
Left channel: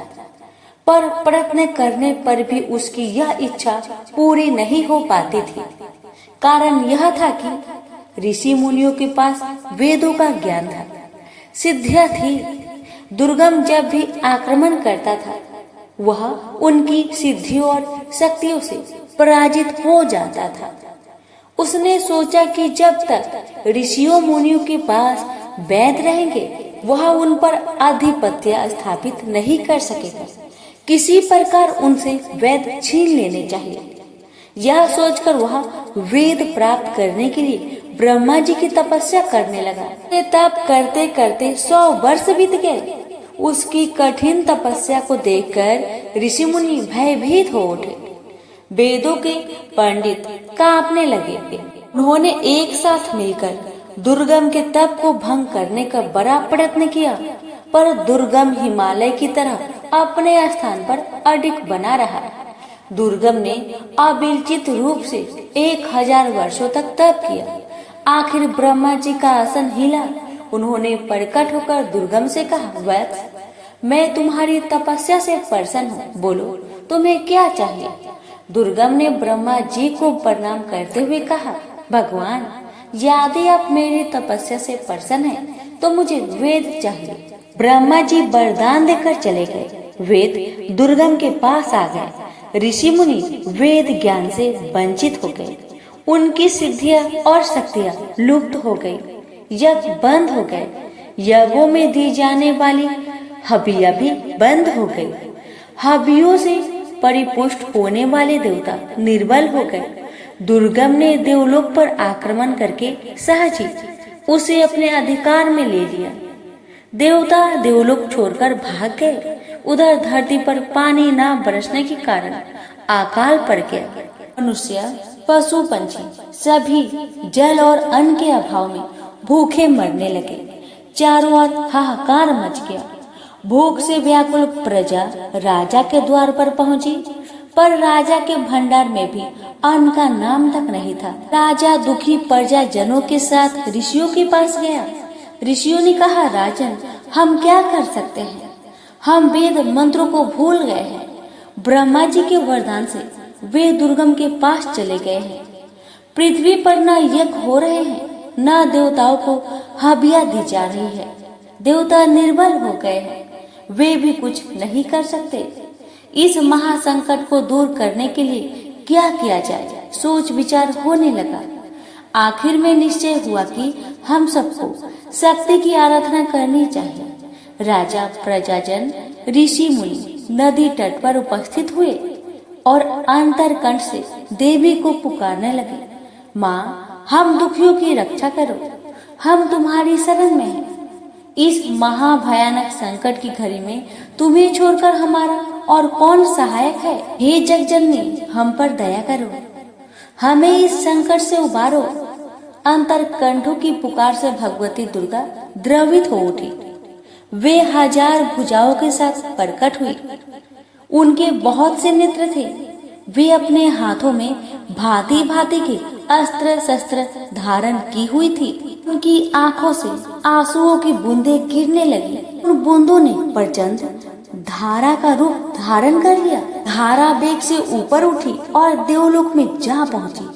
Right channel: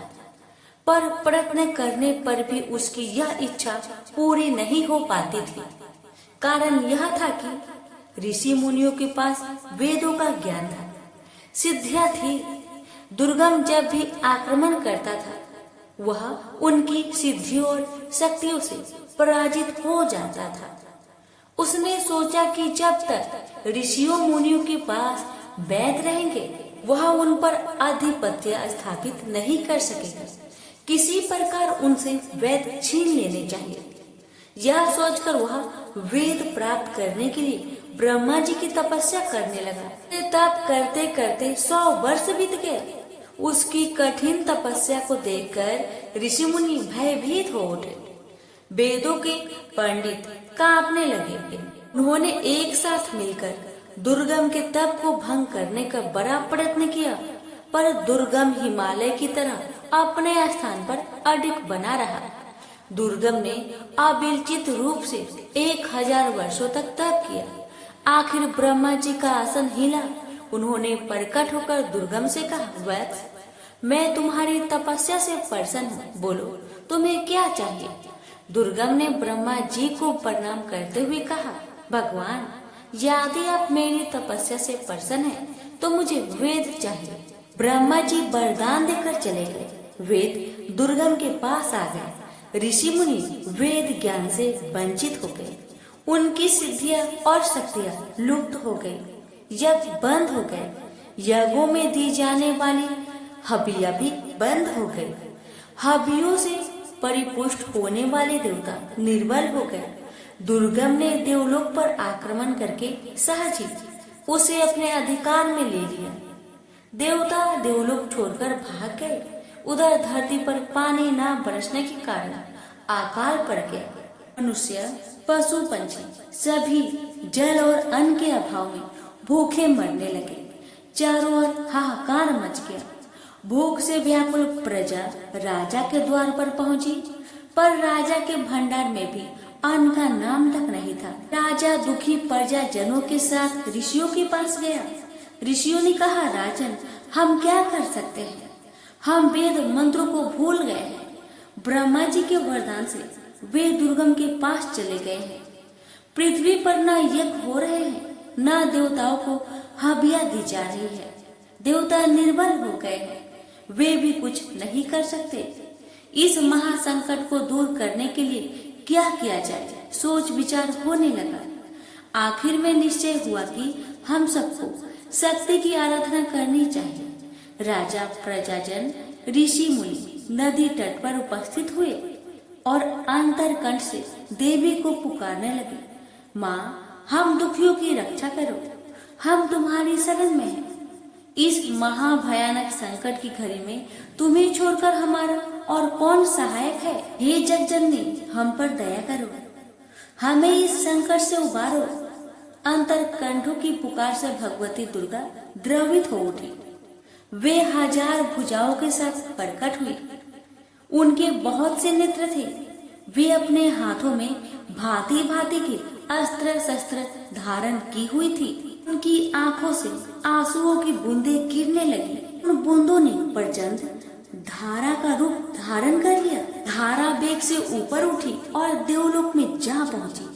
पर प्रयत्न करने पर भी उसकी यह इच्छा पूरी नहीं हो पाती थी। कारण यह था कि ऋषि मुनियों के पास वेदों का ज्ञान था, सिद्धियां थी। दुर्गम जब भी आक्रमण करता था, वह उनकी सिद्धियों और शक्तियों से पराजित हो जाता था। उसने सोचा कि जब तक ऋषियों मुनियों के पास वैद रहेंगे, वह उन पर आधिपत्य स्थापित नहीं कर सकेगा। किसी प्रकार उनसे वैद छीन लेने चाहिए। यह सोचकर वह वेद प्राप्त करने के लिए ब्रह्मा जी की तपस्या करने लगा। तप करते करते 100 वर्ष बीत गए। उसकी कठिन तपस्या को देखकर ऋषि मुनि भयभीत हो उठे। वेदों के पंडित कांपने लगे। उन्होंने एक साथ मिलकर दुर्गम के तप को भंग करने का बड़ा प्रयत्न किया, पर दुर्गम हिमालय की तरह अपने स्थान पर अडिग बना रहा। दुर्गम ने अविचलित रूप से 1000 वर्षों तक तप किया। आखिर ब्रह्मा जी का आसन हिला। उन्होंने प्रकट होकर दुर्गम से कहा, वत्स, मैं तुम्हारी तपस्या से प्रसन्न हूँ, बोलो तुम्हें क्या चाहिए। दुर्गम ने ब्रह्मा जी को प्रणाम करते हुए कहा, भगवान, यदि आप मेरी तपस्या से प्रसन्न हैं, तो मुझे वेद चाहिए। ब्रह्मा जी वरदान देकर चले गए। वेद दुर्गम के पास आ गए। ऋषि मुनि वेद ज्ञान से वंचित हो गए। उनकी सिद्धियां और शक्तियां लुप्त हो गई। यज्ञ बंद हो गए। यज्ञों में दी जाने वाली हवियां भी बंद हो गई। हवियों से परिपुष्ट होने वाले देवता निर्बल हो गए। दुर्गम ने देवलोक पर आक्रमण करके सहज ही उसे अपने अधिकार में ले लिया। देवता देवलोक छोड़कर भाग गए। उधर धरती पर पानी न बरसने के कारण अकाल पड़ गया। मनुष्य, पशु, पंछी सभी जल और अन्न के अभाव में भूखे मरने लगे। चारों ओर हाहाकार मच गया। भूख से व्याकुल प्रजा राजा के द्वार पर पहुंची, पर राजा के भंडार में भी अन्न का नाम तक नहीं था। राजा दुखी प्रजा जनों के साथ ऋषियों के पास गया। ऋषियों ने कहा, राजन, हम क्या कर सकते हैं? हम वेद मंत्रों को भूल गए हैं। ब्रह्मा जी के वरदान से वे दुर्गम के पास चले गए हैं। पृथ्वी पर न यज्ञ हो रहे हैं, न देवताओं को हवियां दी जा रही है। देवता निर्बल हो गए हैं। वे भी कुछ नहीं कर सकते। इस महासंकट को दूर करने के लिए क्या किया जाए, सोच विचार होने लगा। आखिर में निश्चय हुआ कि हम सबको शक्ति की आराधना करनी चाहिए। राजा, प्रजाजन, ऋषि मुनि नदी तट पर उपस्थित हुए और अंतरकंठ से देवी को पुकारने लगे, माँ, हम दुखियों की रक्षा करो, हम तुम्हारी शरण में हैं। इस महाभयानक संकट की घड़ी में तुम्हें छोड़कर हमारा और कौन सहायक है? हे जगजननी, हम पर दया करो, हमें इस संकट से उबारो। अंतर कंठों की पुकार से भगवती दुर्गा द्रवित हो उठी। वे 1000 भुजाओं के साथ प्रकट हुई। उनके बहुत से नेत्र थे। वे अपने हाथों में भांति भांति के अस्त्र शस्त्र धारण की हुई थी। उनकी आंखों से आंसुओं की बूंदें गिरने लगी। उन बूंदों ने प्रचंड धारा का रूप धारण कर लिया। धारा वेग से ऊपर उठी और देवलोक में जा पहुंची।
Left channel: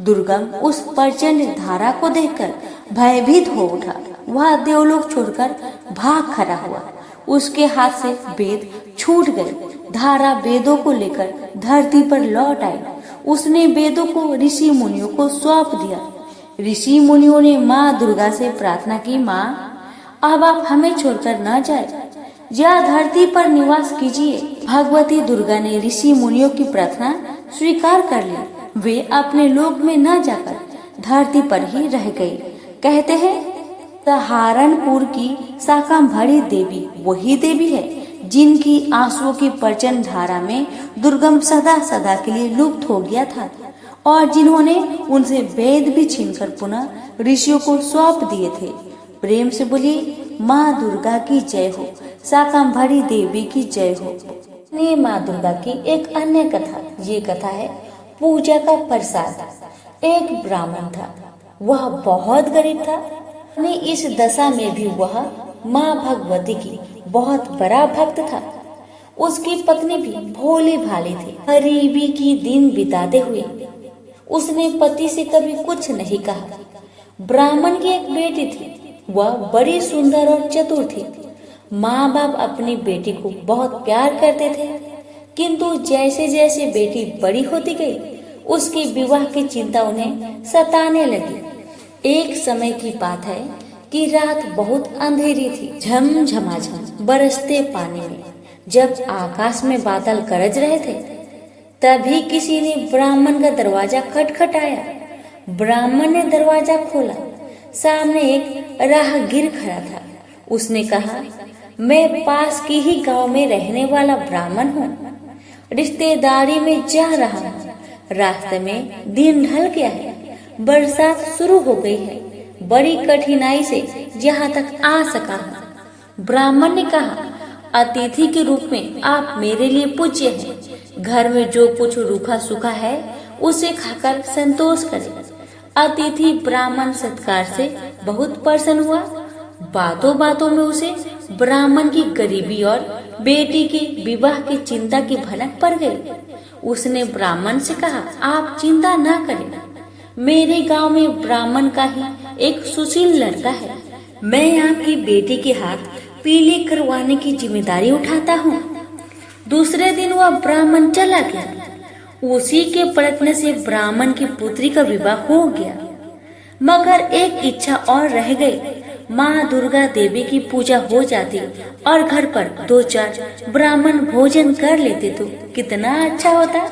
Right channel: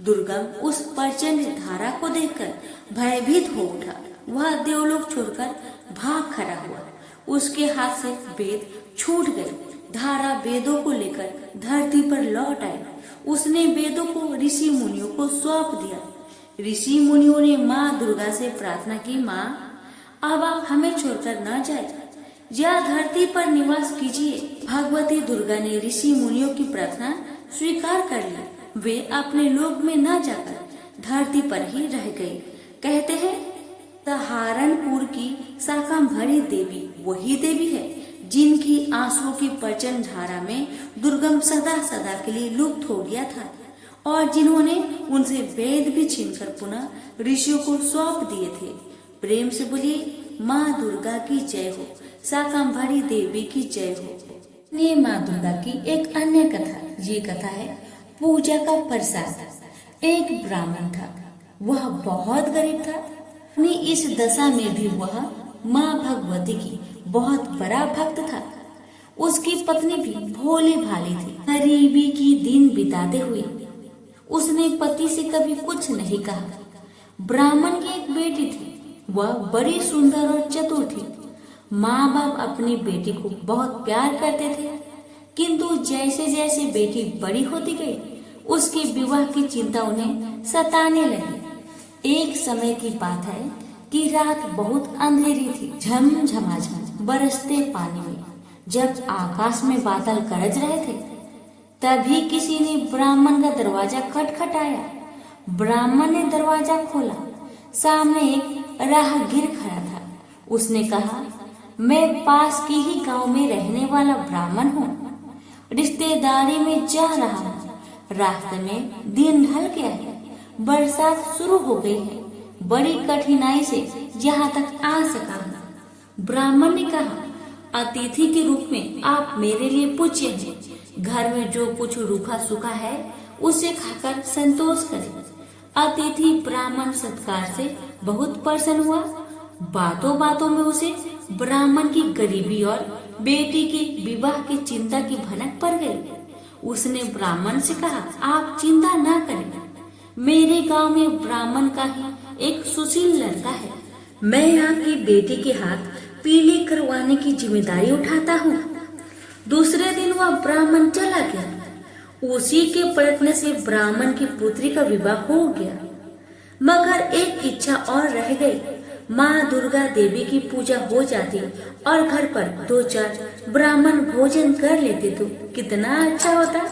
दुर्गा उस प्रचंड धारा को देखकर भयभीत हो उठा। वह देवलोक छोड़कर भाग खड़ा हुआ। उसके हाथ से वेद छूट गए। धारा वेदों को लेकर धरती पर लौट आई। उसने वेदों को ऋषि मुनियों को सौंप दिया। ऋषि मुनियों ने माँ दुर्गा से प्रार्थना की, माँ अब आप हमें छोड़कर न जाए, या धरती पर निवास कीजिए। भगवती दुर्गा ने ऋषि मुनियों की प्रार्थना स्वीकार कर ली। वे अपने लोक में न जाकर धरती पर ही रह गई। कहते हैं सहारनपुर की शाकंभरी देवी वही देवी है जिनकी आंसुओं की प्रचंड धारा में दुर्गम सदा सदा के लिए लुप्त हो गया था और जिन्होंने उनसे वेद भी छीनकर पुनः ऋषियों को सौंप दिए थे। प्रेम से बोलिए माँ दुर्गा की जय हो, शाकंभरी देवी की जय हो। ये माँ दुर्गा की एक अन्य कथा, ये कथा है पूजा का प्रसाद। एक ब्राह्मण था, वह बहुत गरीब था। अपनी इस दशा में भी वह माँ भगवती की बहुत बड़ा भक्त था। उसकी पत्नी भी भोली भाली थी। गरीबी की दिन बिताते हुए उसने पति से कभी कुछ नहीं कहा। ब्राह्मण की एक बेटी थी, वह बड़ी सुंदर और चतुर थी। माँ बाप अपनी बेटी को बहुत प्यार करते थे, किंतु जैसे जैसे बेटी बड़ी होती गई उसके विवाह की चिंता उन्हें सताने लगी। एक समय की बात है कि रात बहुत अंधेरी थी। झमझमाझम बरसते पानी में जब आकाश में बादल गरज रहे थे, तभी किसी ने ब्राह्मण का दरवाजा खटखटाया। ब्राह्मण ने दरवाजा खोला। सामने एक राहगीर खड़ा था। उसने कहा, मैं पास की ही गांव में रहने वाला ब्राह्मण हूँ, रिश्तेदारी में जा रहा हूँ। रास्ते में दिन ढल गया है, बरसात शुरू हो गई है। बड़ी कठिनाई से यहाँ तक आ सका हूँ। ब्राह्मण ने कहा, अतिथि के रूप में आप मेरे लिए पूज्य हैं। घर में जो कुछ रूखा सूखा है उसे खाकर संतोष करें। अतिथि ब्राह्मण सत्कार से बहुत प्रसन्न हुआ। बातों बातों में उसे ब्राह्मण की गरीबी और बेटी के विवाह की चिंता की भनक पड़ गई। उसने ब्राह्मण से कहा, आप चिंता ना करें, मेरे गांव में ब्राह्मण का ही एक सुशील लड़का है। मैं आपकी बेटी के हाथ पीले करवाने की जिम्मेदारी उठाता हूँ। दूसरे दिन वह ब्राह्मण चला गया। उसी के प्रयत्न से ब्राह्मण की पुत्री का विवाह हो गया। मगर एक इच्छा और रह गई। माँ दुर्गा देवी की पूजा हो जाती और घर पर 2-4 ब्राह्मण भोजन कर लेते तो कितना अच्छा होता।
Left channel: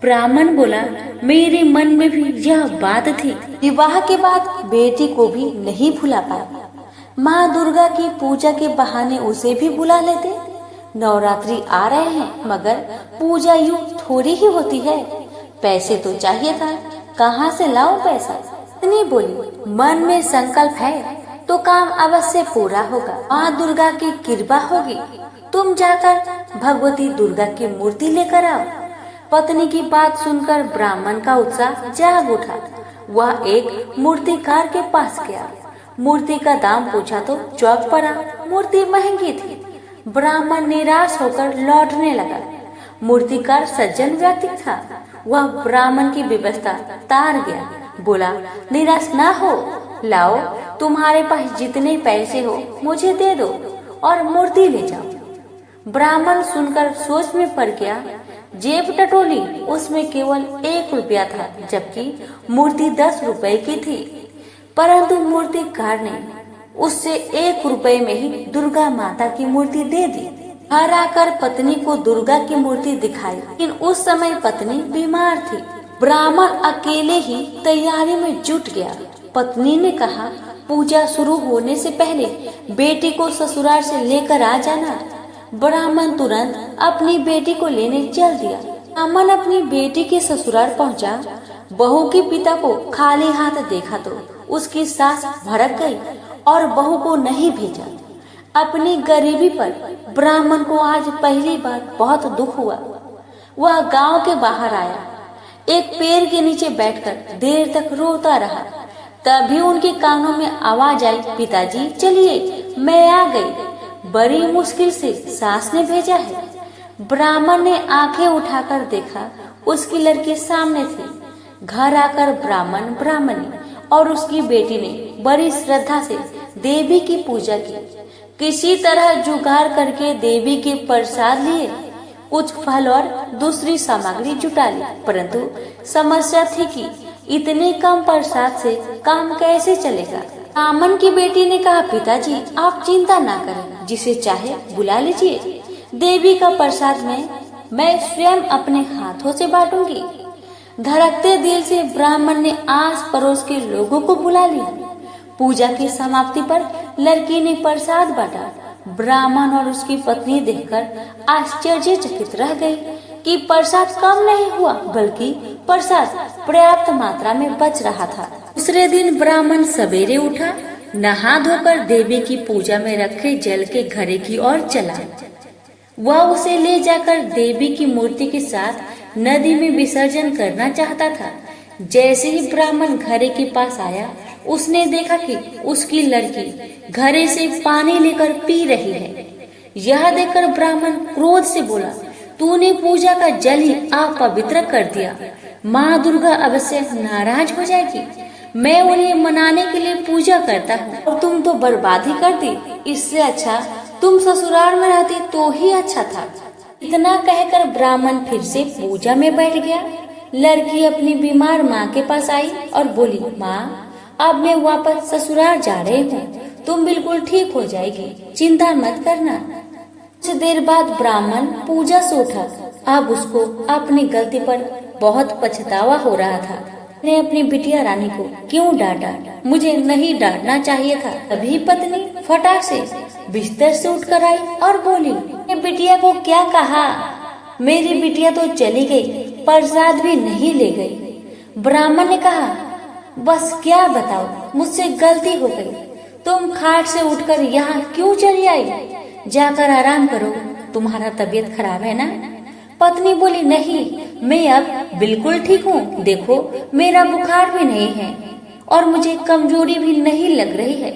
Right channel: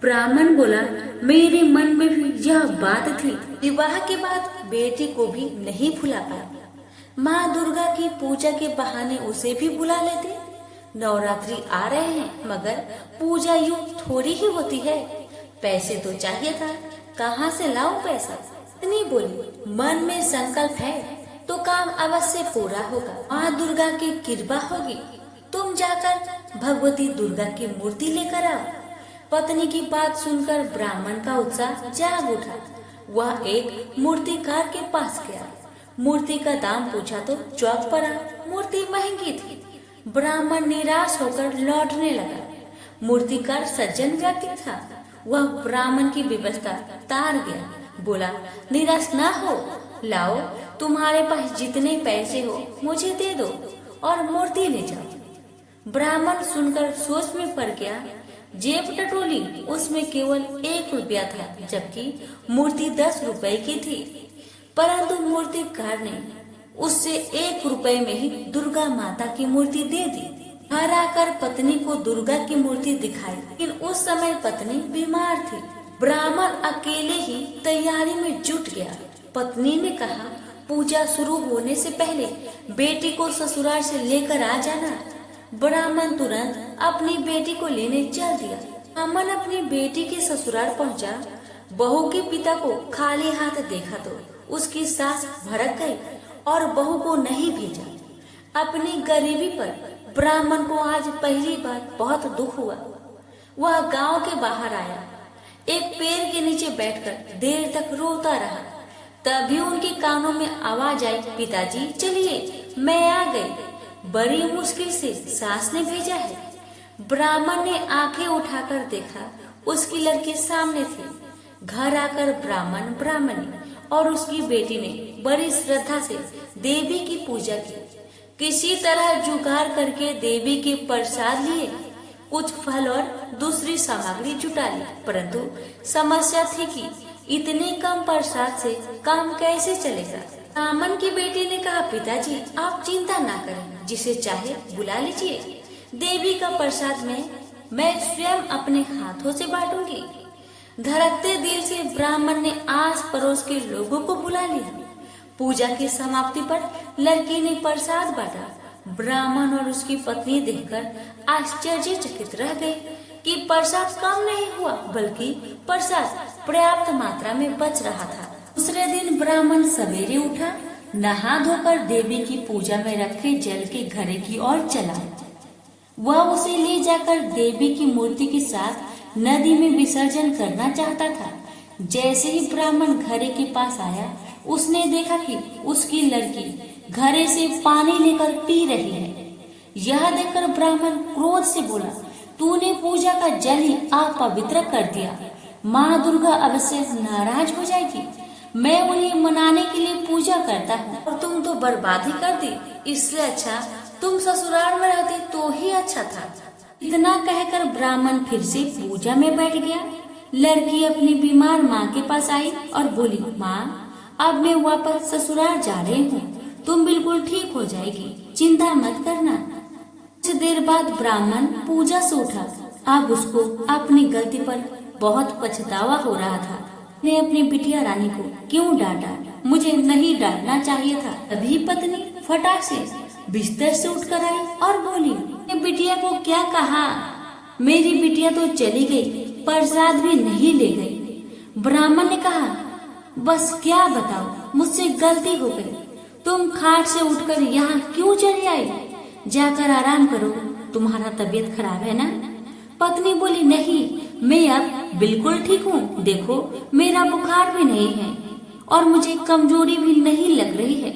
ब्राह्मण बोला, मेरे मन में भी यह बात थी। विवाह के बाद बेटी को भी नहीं भुला पाया। माँ दुर्गा की पूजा के बहाने उसे भी बुला लेते। नवरात्रि आ रहे हैं, मगर पूजा यूं थोड़ी ही होती है। पैसे तो चाहिए था, कहाँ से लाऊं पैसा? इतनी बोली, मन में संकल्प है तो काम अवश्य पूरा होगा। माँ दुर्गा की कृपा होगी। तुम जाकर भगवती दुर्गा की मूर्ति लेकर आओ। पत्नी की बात सुनकर ब्राह्मण का उत्साह जाग उठा। वह एक मूर्तिकार के पास गया। मूर्ति का दाम पूछा तो चौक पड़ा। मूर्ति महंगी थी। ब्राह्मण निराश होकर लौटने लगा। मूर्तिकार सज्जन व्यक्ति था। वह ब्राह्मण की व्यवस्था तार गया। बोला, निराश ना हो, लाओ, तुम्हारे पास जितने पैसे हो मुझे दे दो और मूर्ति ले जाओ। ब्राह्मण सुनकर सोच में पड़ गया। जेब टटोली, उसमें केवल 1 रुपया था, जबकि मूर्ति 10 रुपए की थी। परंतु मूर्तिकार ने उससे 1 रुपए में ही दुर्गा माता की मूर्ति दे दी। घर आकर पत्नी को दुर्गा की मूर्ति दिखाई, लेकिन उस समय पत्नी बीमार थी। ब्राह्मण अकेले ही तैयारी में जुट गया। पत्नी ने कहा, पूजा शुरू होने से पहले बेटी को ससुराल से लेकर आ जाना। ब्राह्मण तुरंत अपनी बेटी को लेने चल दिया। ब्राह्मण अपनी बेटी के ससुराल पहुंचा। बहू के पिता को खाली हाथ देखा तो उसकी सास भड़क गई और बहू को नहीं भेजा। अपनी गरीबी पर ब्राह्मण को आज पहली बार बहुत दुख हुआ। वह गांव के बाहर आया, एक पेड़ के नीचे बैठकर देर तक रोता रहा। तभी उनके कानों में आवाज आई, पिताजी चलिए, मैं आ गई। बड़ी मुश्किल से सास ने भेजा है। ब्राह्मण ने आंखें उठाकर देखा, उसकी लड़की सामने थी। घर आकर ब्राह्मणी और उसकी बेटी ने बड़ी श्रद्धा से देवी की पूजा की। किसी तरह जुगाड़ करके देवी के प्रसाद लिए, कुछ फल और दूसरी सामग्री जुटा ली। परंतु समस्या थी कि इतने कम प्रसाद से काम कैसे चलेगा। ब्राह्मण की बेटी ने कहा, पिताजी आप चिंता ना करें, जिसे चाहे बुला लीजिए। देवी का प्रसाद मैं स्वयं अपने हाथों से बांटूंगी। धड़कते दिल से ब्राह्मण ने आस पड़ोस के लोगों को बुला लिया। पूजा की समाप्ति पर लड़की ने प्रसाद बांटा। ब्राह्मण और उसकी पत्नी देखकर आश्चर्यचकित रह गई कि प्रसाद कम नहीं हुआ, बल्कि प्रसाद पर्याप्त मात्रा में बच रहा था। दूसरे दिन ब्राह्मण सवेरे उठा, नहा धोकर देवी की पूजा में रखे जल के घड़े की ओर चला। वह उसे ले जाकर देवी की मूर्ति के साथ नदी में विसर्जन करना चाहता था। जैसे ही ब्राह्मण घड़े के पास आया, उसने देखा कि उसकी लड़की घड़े से पानी लेकर पी रही है। यह देखकर ब्राह्मण क्रोध से बोला, तूने पूजा का जल ही अपवित्र कर दिया। माँ दुर्गा अवश्य नाराज हो जाएगी। मैं उन्हें मनाने के लिए पूजा करता हूँ और तुम तो बर्बादी कर दी। इससे अच्छा तुम ससुराल में रहती तो ही अच्छा था। इतना कहकर ब्राह्मण फिर से पूजा में बैठ गया। लड़की अपनी बीमार माँ के पास आई और बोली, माँ अब मैं वापस ससुराल जा रही हूँ, तुम बिल्कुल ठीक हो जाएगी, चिंता मत करना। कुछ देर बाद ब्राह्मण पूजा से उठा। अब उसको अपनी गलती पर बहुत पछतावा हो रहा था। ने अपनी बिटिया रानी को क्यों डांटा, मुझे नहीं डांटना चाहिए था। तभी पत्नी फटाक से बिस्तर से उठकर आई और बोली, बिटिया को क्या कहा? मेरी बिटिया तो चली गई, प्रसाद भी नहीं ले गई। ब्राह्मण ने कहा, बस क्या बताओ, मुझसे गलती हो गई। तुम खाट से उठकर यहाँ क्यों चली आई? जाकर आराम करो, तुम्हारा तबीयत खराब है ना? पत्नी बोली, नहीं, मैं अब बिल्कुल ठीक हूँ। देखो मेरा बुखार भी नहीं है और मुझे कमजोरी भी नहीं लग रही है।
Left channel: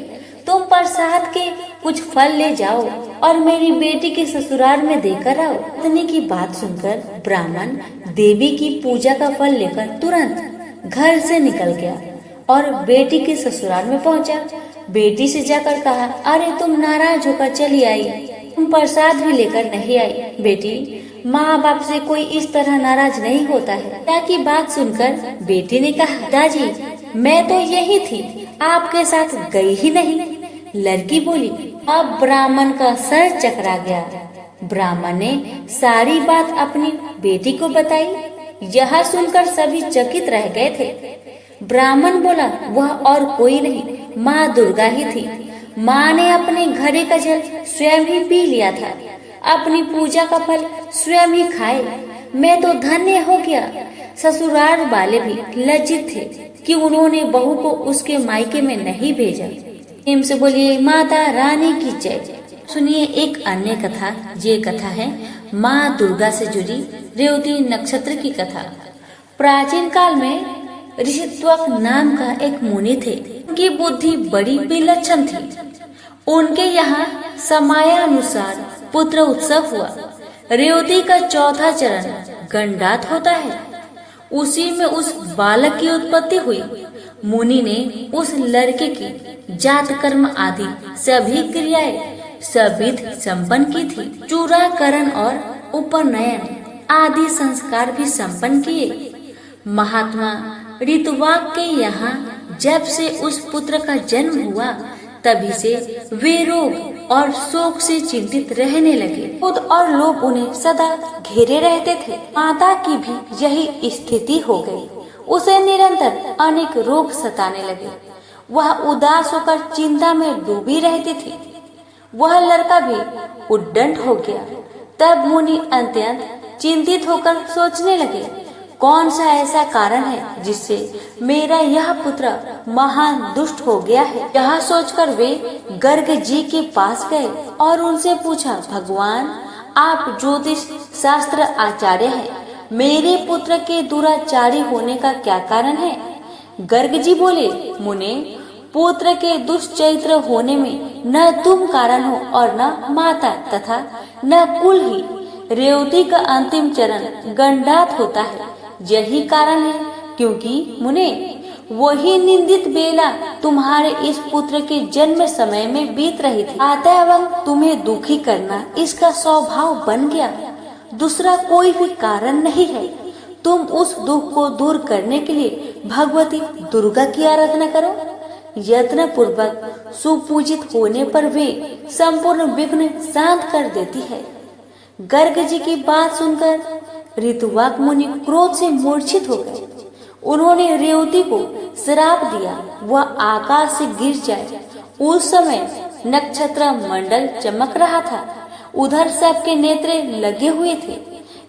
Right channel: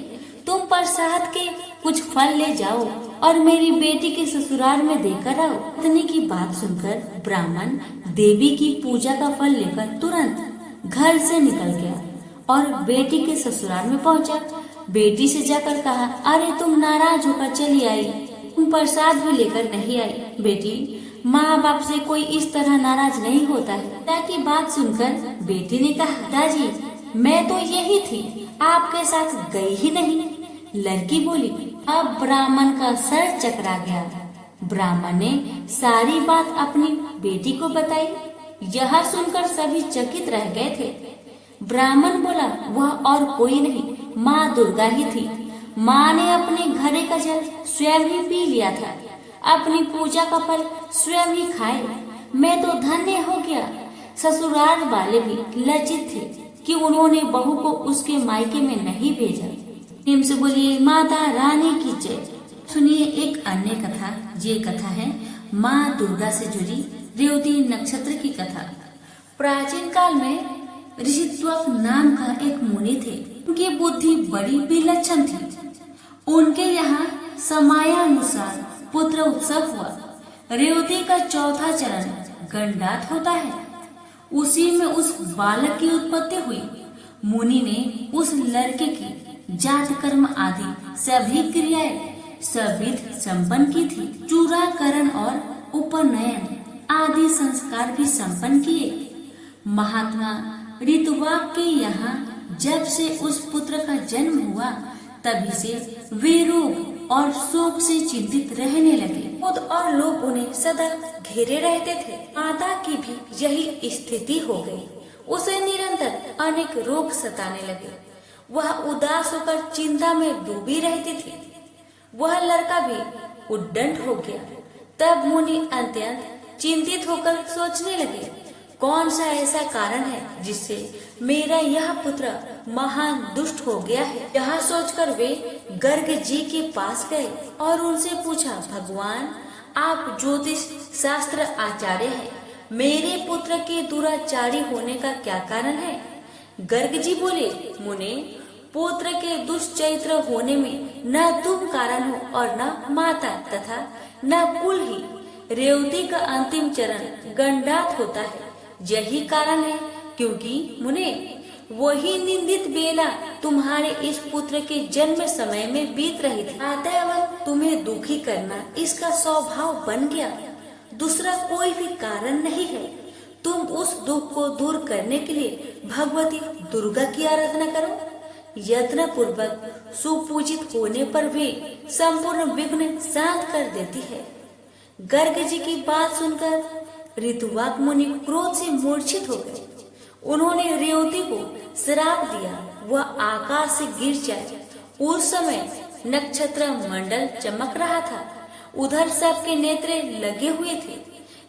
तुम प्रसाद के कुछ फल ले जाओ और मेरी बेटी के ससुराल में देकर आओ। पत्नी की बात सुनकर ब्राह्मण देवी की पूजा का फल लेकर तुरंत घर से निकल गया और बेटी के ससुराल में पहुंचा। बेटी से जाकर कहा, अरे तुम नाराज होकर चली आई, तुम प्रसाद भी लेकर नहीं आई। बेटी, माँ बाप से कोई इस तरह नाराज नहीं होता है। पिता की बात सुनकर बेटी ने कहा, पिताजी मैं तो यही थी, आपके साथ गई ही नहीं। लड़की बोली, अब ब्राह्मण का सर चकरा गया। ब्राह्मण ने सारी बात अपनी बेटी को बताई। यह सुनकर सभी चकित रह गए थे। ब्राह्मण बोला, वह और कोई नहीं, माँ दुर्गा ही थी। माँ ने अपने घड़े का जल स्वयं ही पी लिया था, अपनी पूजा का फल स्वयं ही खाए। मैं तो धन्य हो गया। ससुराल वाले भी लज्जित थे कि उन्होंने बहू को उसके मायके में नहीं भेजा। प्रेम से बोलिए माता रानी की जय। सुनिए एक अन्य कथा। ये कथा है माँ दुर्गा से जुड़ी रेवती नक्षत्र की कथा। प्राचीन काल में ऋषित्वक नाम का एक मुनि थे। उनकी बुद्धि बड़ी विलक्षण थी। उनके यहाँ समयानुसार पुत्र उत्सव हुआ। रेवती का चौथा चरण गणरात होता है, उसी में उस बालक की उत्पत्ति हुई। मुनि ने उस लड़के की जात कर्म आदि सभी क्रियाएं सविध संपन्न की थी। चूड़ाकरण और उपनयन आदि संस्कार भी संपन्न किए। महात्मा ऋतुवाक के यहाँ जब से उस पुत्र का जन्म हुआ, तभी से वे रोग और शोक से चिंतित रहने लगे। क्रोध और लोभ उन्हें सदा घेरे रहते थे। माता की भी यही स्थिति हो गई। उसे निरंतर अनेक रोग सताने लगे। वह उदास होकर चिंता में डूबी रहती थी। वह लड़का भी उद्दंड हो गया। तब मुनि अत्यंत चिंतित होकर सोचने लगे, कौन सा ऐसा कारण है जिससे मेरा यह पुत्र महान दुष्ट हो गया है। यह सोचकर वे गर्ग जी के पास गए और उनसे पूछा, भगवान आप ज्योतिष शास्त्र आचार्य हैं, मेरे पुत्र के दुराचारी होने का क्या कारण है। गर्ग जी बोले, मुने पुत्र के दुष्चरित्र होने में न तुम कारण हो और न माता तथा न कुल ही। रेवती का अंतिम चरण गंडात होता है, यही कारण है, क्योंकि मुने वही निंदित बेला तुम्हारे इस पुत्र के जन्म समय में बीत रही थी। अतः तुम्हें दुखी करना इसका स्वभाव बन गया, दूसरा कोई भी कारण नहीं है। तुम उस दुख को दूर करने के लिए भगवती दुर्गा की आराधना करो। यत्न पूर्वक सुपूजित होने पर वे संपूर्ण विघ्न शांत कर देती है। गर्ग जी की बात सुनकर ऋतुवाक मुनि क्रोध से मूर्छित हो गए। उन्होंने रेवती को श्राप दिया, वह आकाश से गिर जाए। उस समय नक्षत्र मंडल चमक रहा था, उधर सबके नेत्र लगे हुए थे।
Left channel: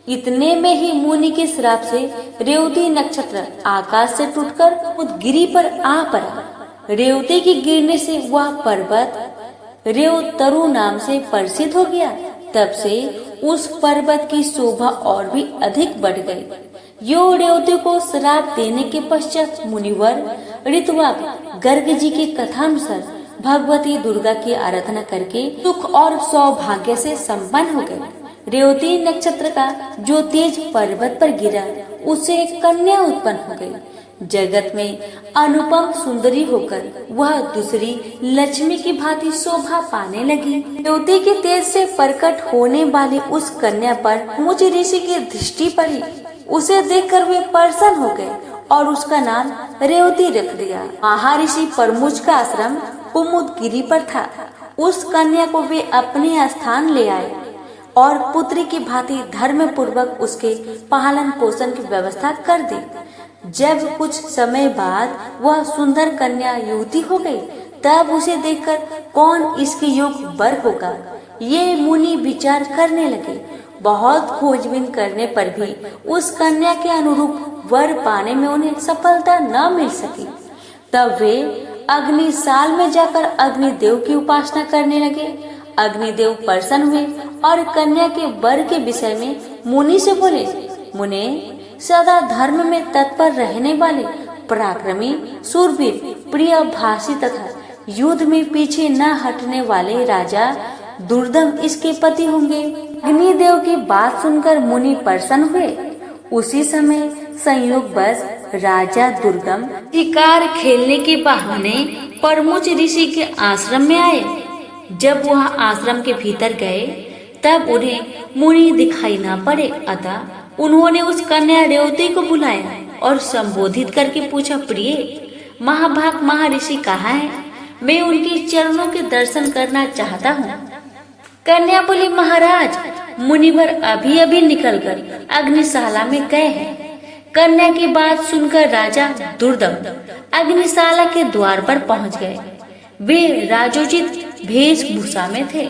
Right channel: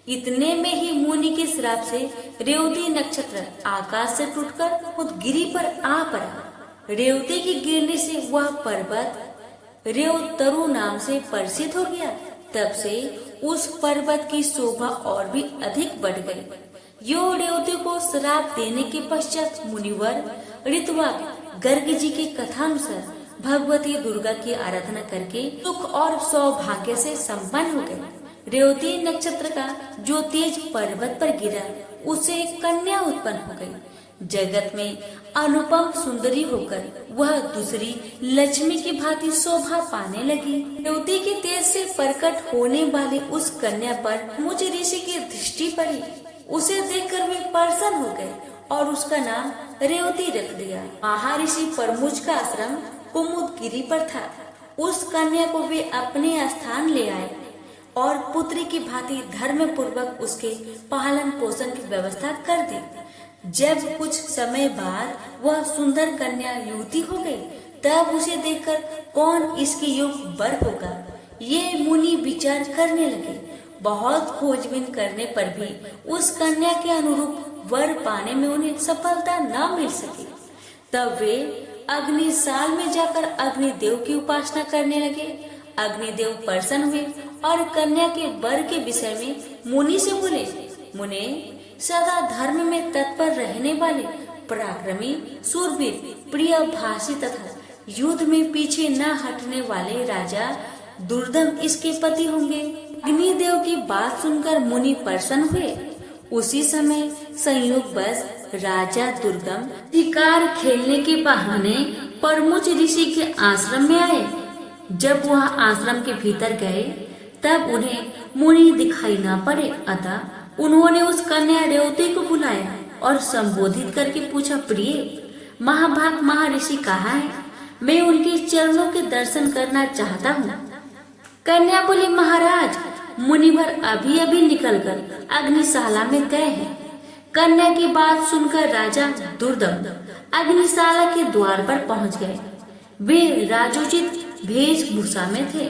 इतने में ही मुनि के श्राप से रेवती नक्षत्र आकाश से टूटकर उस गिरी पर आ पड़ा। रेवती के गिरने से वह पर्वत रेवतरु नाम से प्रसिद्ध हो गया। तब से उस पर्वत की शोभा और भी अधिक बढ़ गई। यो रेवती को श्राप देने के पश्चात मुनिवर ऋतुवाक गर्ग जी के कथानुसार भगवती दुर्गा की आराधना करके सुख और सौभाग्य से संपन्न हो गए। रेवती नक्षत्र का जो तेज पर्वत पर गिरा, उससे एक कन्या उत्पन्न हो गई। जगत में अनुपम सुंदरी होकर वह दूसरी लक्ष्मी की भांति शोभा पाने लगी। रेवती के तेज से प्रकट होने वाली उस कन्या पर मुझ ऋषि की दृष्टि पड़ी। उसे देखकर वे प्रसन्न हो गए और उसका नाम रेवती रख दिया। महर्षि परमुच का आश्रम कुमुदगिरी पर था। उस कन्या को वे अपने स्थान ले आए और पुत्री की भांति धर्म पूर्वक उसके पालन पोषण की व्यवस्था कर दी। जब कुछ समय बाद वह सुंदर कन्या युवती हो गई, तब उसे देखकर कौन इसके योग्य वर होगा, ये मुनि विचार करने लगे। बहुत खोजबीन करने पर भी उस कन्या के अनुरूप वर पाने में उन्हें सफलता न मिल सकी। तब वे अग्निशाल में जाकर अग्निदेव की उपासना करने लगे। अग्निदेव प्रसन्न हुए और कन्या के वर के विषय में मुनि से बोले, मुने सदा धर्म में तत्पर रहने वाले पराक्रमी शूरवीर प्रिय भाषी तथा युद्ध में पीछे न हटने वाले राजा दुर्दम इसके पति होंगे। अग्निदेव की बात सुनकर मुनि प्रसन्न हुए। उसी समय संयोगवश राजा दुर्गम शिकार खेलने के बहाने परमुच ऋषि के आश्रम में आए। जब वह आश्रम के भीतर गए, तब उन्हें मुनि दिखाई न पड़े। अतः उन्होंने उस कन्या रेवती को बुलाया और संबोधित करके पूछा, प्रिय महाभाग महर्षि कहाँ है? मैं उनके चरणों के दर्शन करना चाहता हूँ। कन्या बोली, महाराज मुनिवर अभी अभी निकलकर अग्निशाला में गए हैं। कन्या की बात सुनकर राजा दुर्दम अग्निशाला के द्वार पर पहुँच गए। वे राजोचित वेशभूषा में थे।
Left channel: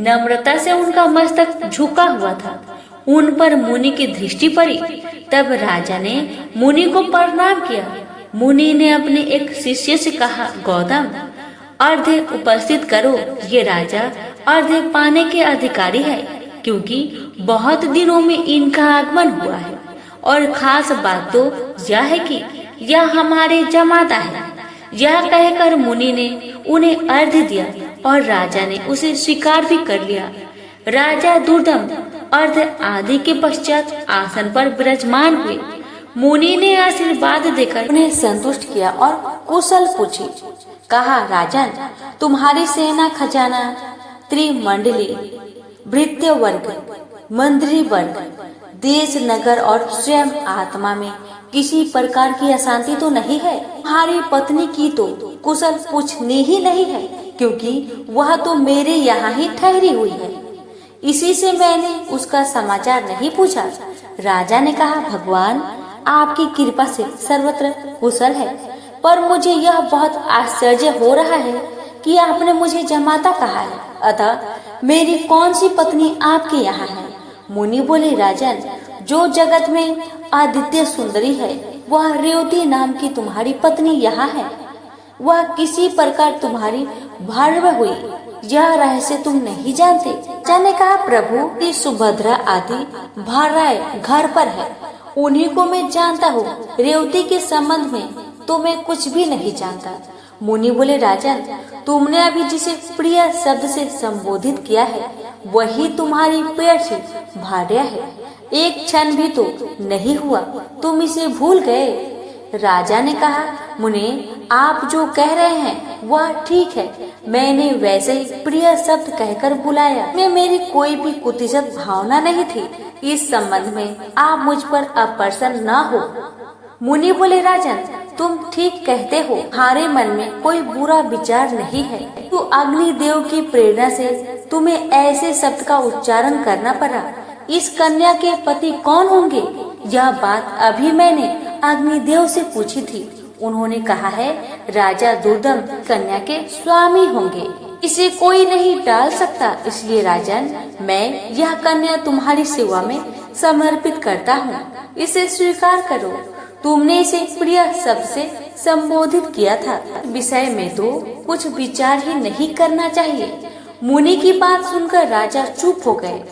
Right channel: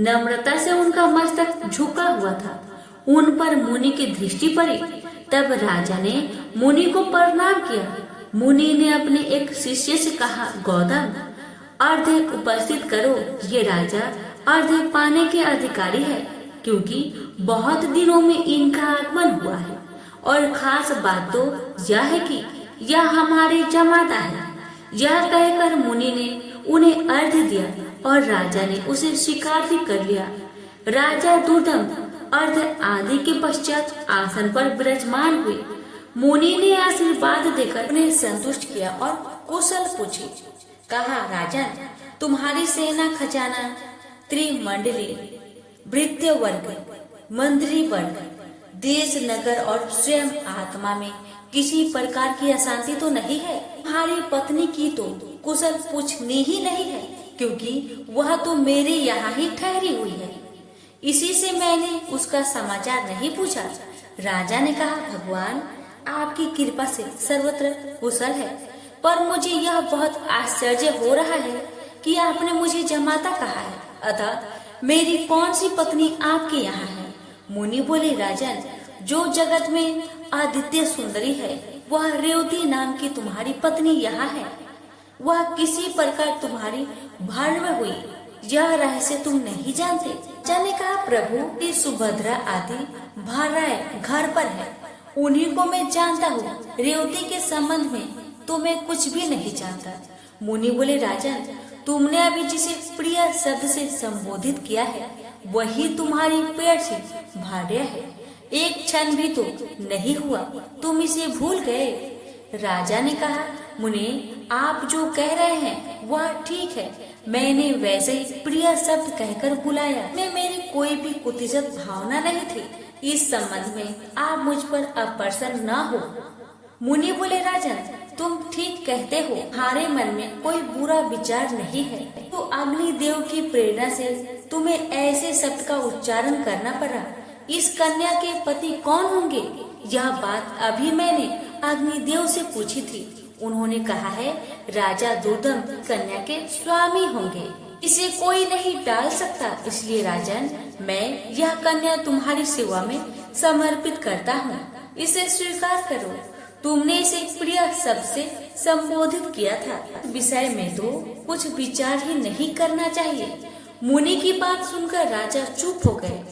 नम्रता से उनका मस्तक झुका हुआ था। उन पर मुनि की दृष्टि पड़ी। तब राजा ने मुनि को प्रणाम किया। मुनि ने अपने एक शिष्य से कहा, गौतम अर्घ्य उपस्थित करो। ये राजा अर्घ्य पाने के अधिकारी है, क्योंकि बहुत दिनों में इनका आगमन हुआ है। और खास बात तो यह है कि यह हमारे जमाता है। यह कहकर मुनि ने उन्हें अर्घ्य दिया और राजा ने उसे स्वीकार भी कर लिया। राजा दुर्दम अर्घ्य आदि के पश्चात आसन पर विराजमान हुए। मुनि ने आशीर्वाद देकर उन्हें संतुष्ट किया और कुशल पूछी। कहा, राजन तुम्हारी सेना खजाना त्रिमंडली भृत्य वर्ग मंत्री वर्ग देश नगर और स्वयं आत्मा में किसी प्रकार की अशांति तो नहीं है। तुम्हारी पत्नी की तो कुशल पूछनी ही नहीं है, क्योंकि वह तो मेरे यहाँ ही ठहरी हुई है। इसी से मैंने उसका समाचार नहीं पूछा। राजा ने कहा, भगवान आपकी कृपा से सर्वत्र कुशल है, पर मुझे यह बहुत आश्चर्य हो रहा है कि आपने मुझे जमाता कहा है। अतः मेरी कौन सी पत्नी आपके यहाँ है? मुनि बोले, राजन जो जगत में आदित्य सुंदरी है, वह रेवती नाम की तुम्हारी पत्नी यहाँ है। वह किसी प्रकार तुम्हारी भार्य हुई, यह रहस्य तुम नहीं जानते। राजा ने कहा, प्रभु की सुभद्रा आदि भार्याएं घर पर है, उन्हीं को मैं जानता हूँ। रेवती के संबंध में तो मैं कुछ भी नहीं जानता। मुनि बोले, राजन, तुमने अभी जिसे प्रिय शब्द से संबोधित किया है वही तुम्हारी प्रेयसी भार्या है। एक क्षण भी तो नहीं हुआ तुम इसे भूल गए। राजा ने कहा, मुनि, आप जो कह रहे हैं वह ठीक है। मैंने वैसे ही प्रिय शब्द कहकर बुलाया, में मेरी कोई भी कुतिजत भावना नहीं थी। इस संबंध में आप मुझ पर अप्रसन्न न हो। मुनि बोले, राजन, तुम ठीक कहते हो, हमारे मन में कोई बुरा विचार नहीं है। तो अग्नि देव की प्रेरणा से तुम्हें ऐसे शब्द का उच्चारण करना पड़ा। इस कन्या के पति कौन होंगे? यह बात अभी मैंने अग्निदेव से पूछी थी। उन्होंने कहा है, राजा दुर्दम कन्या के स्वामी होंगे। इसे कोई नहीं टाल सकता। इसलिए राजन, मैं यह कन्या तुम्हारी सेवा में समर्पित करता हूँ। इसे स्वीकार करो। तुमने इसे प्रिय शब्द से संबोधित किया था, विषय में तो कुछ विचार ही नहीं करना चाहिए। मुनि की बात सुनकर राजा चुप हो गए।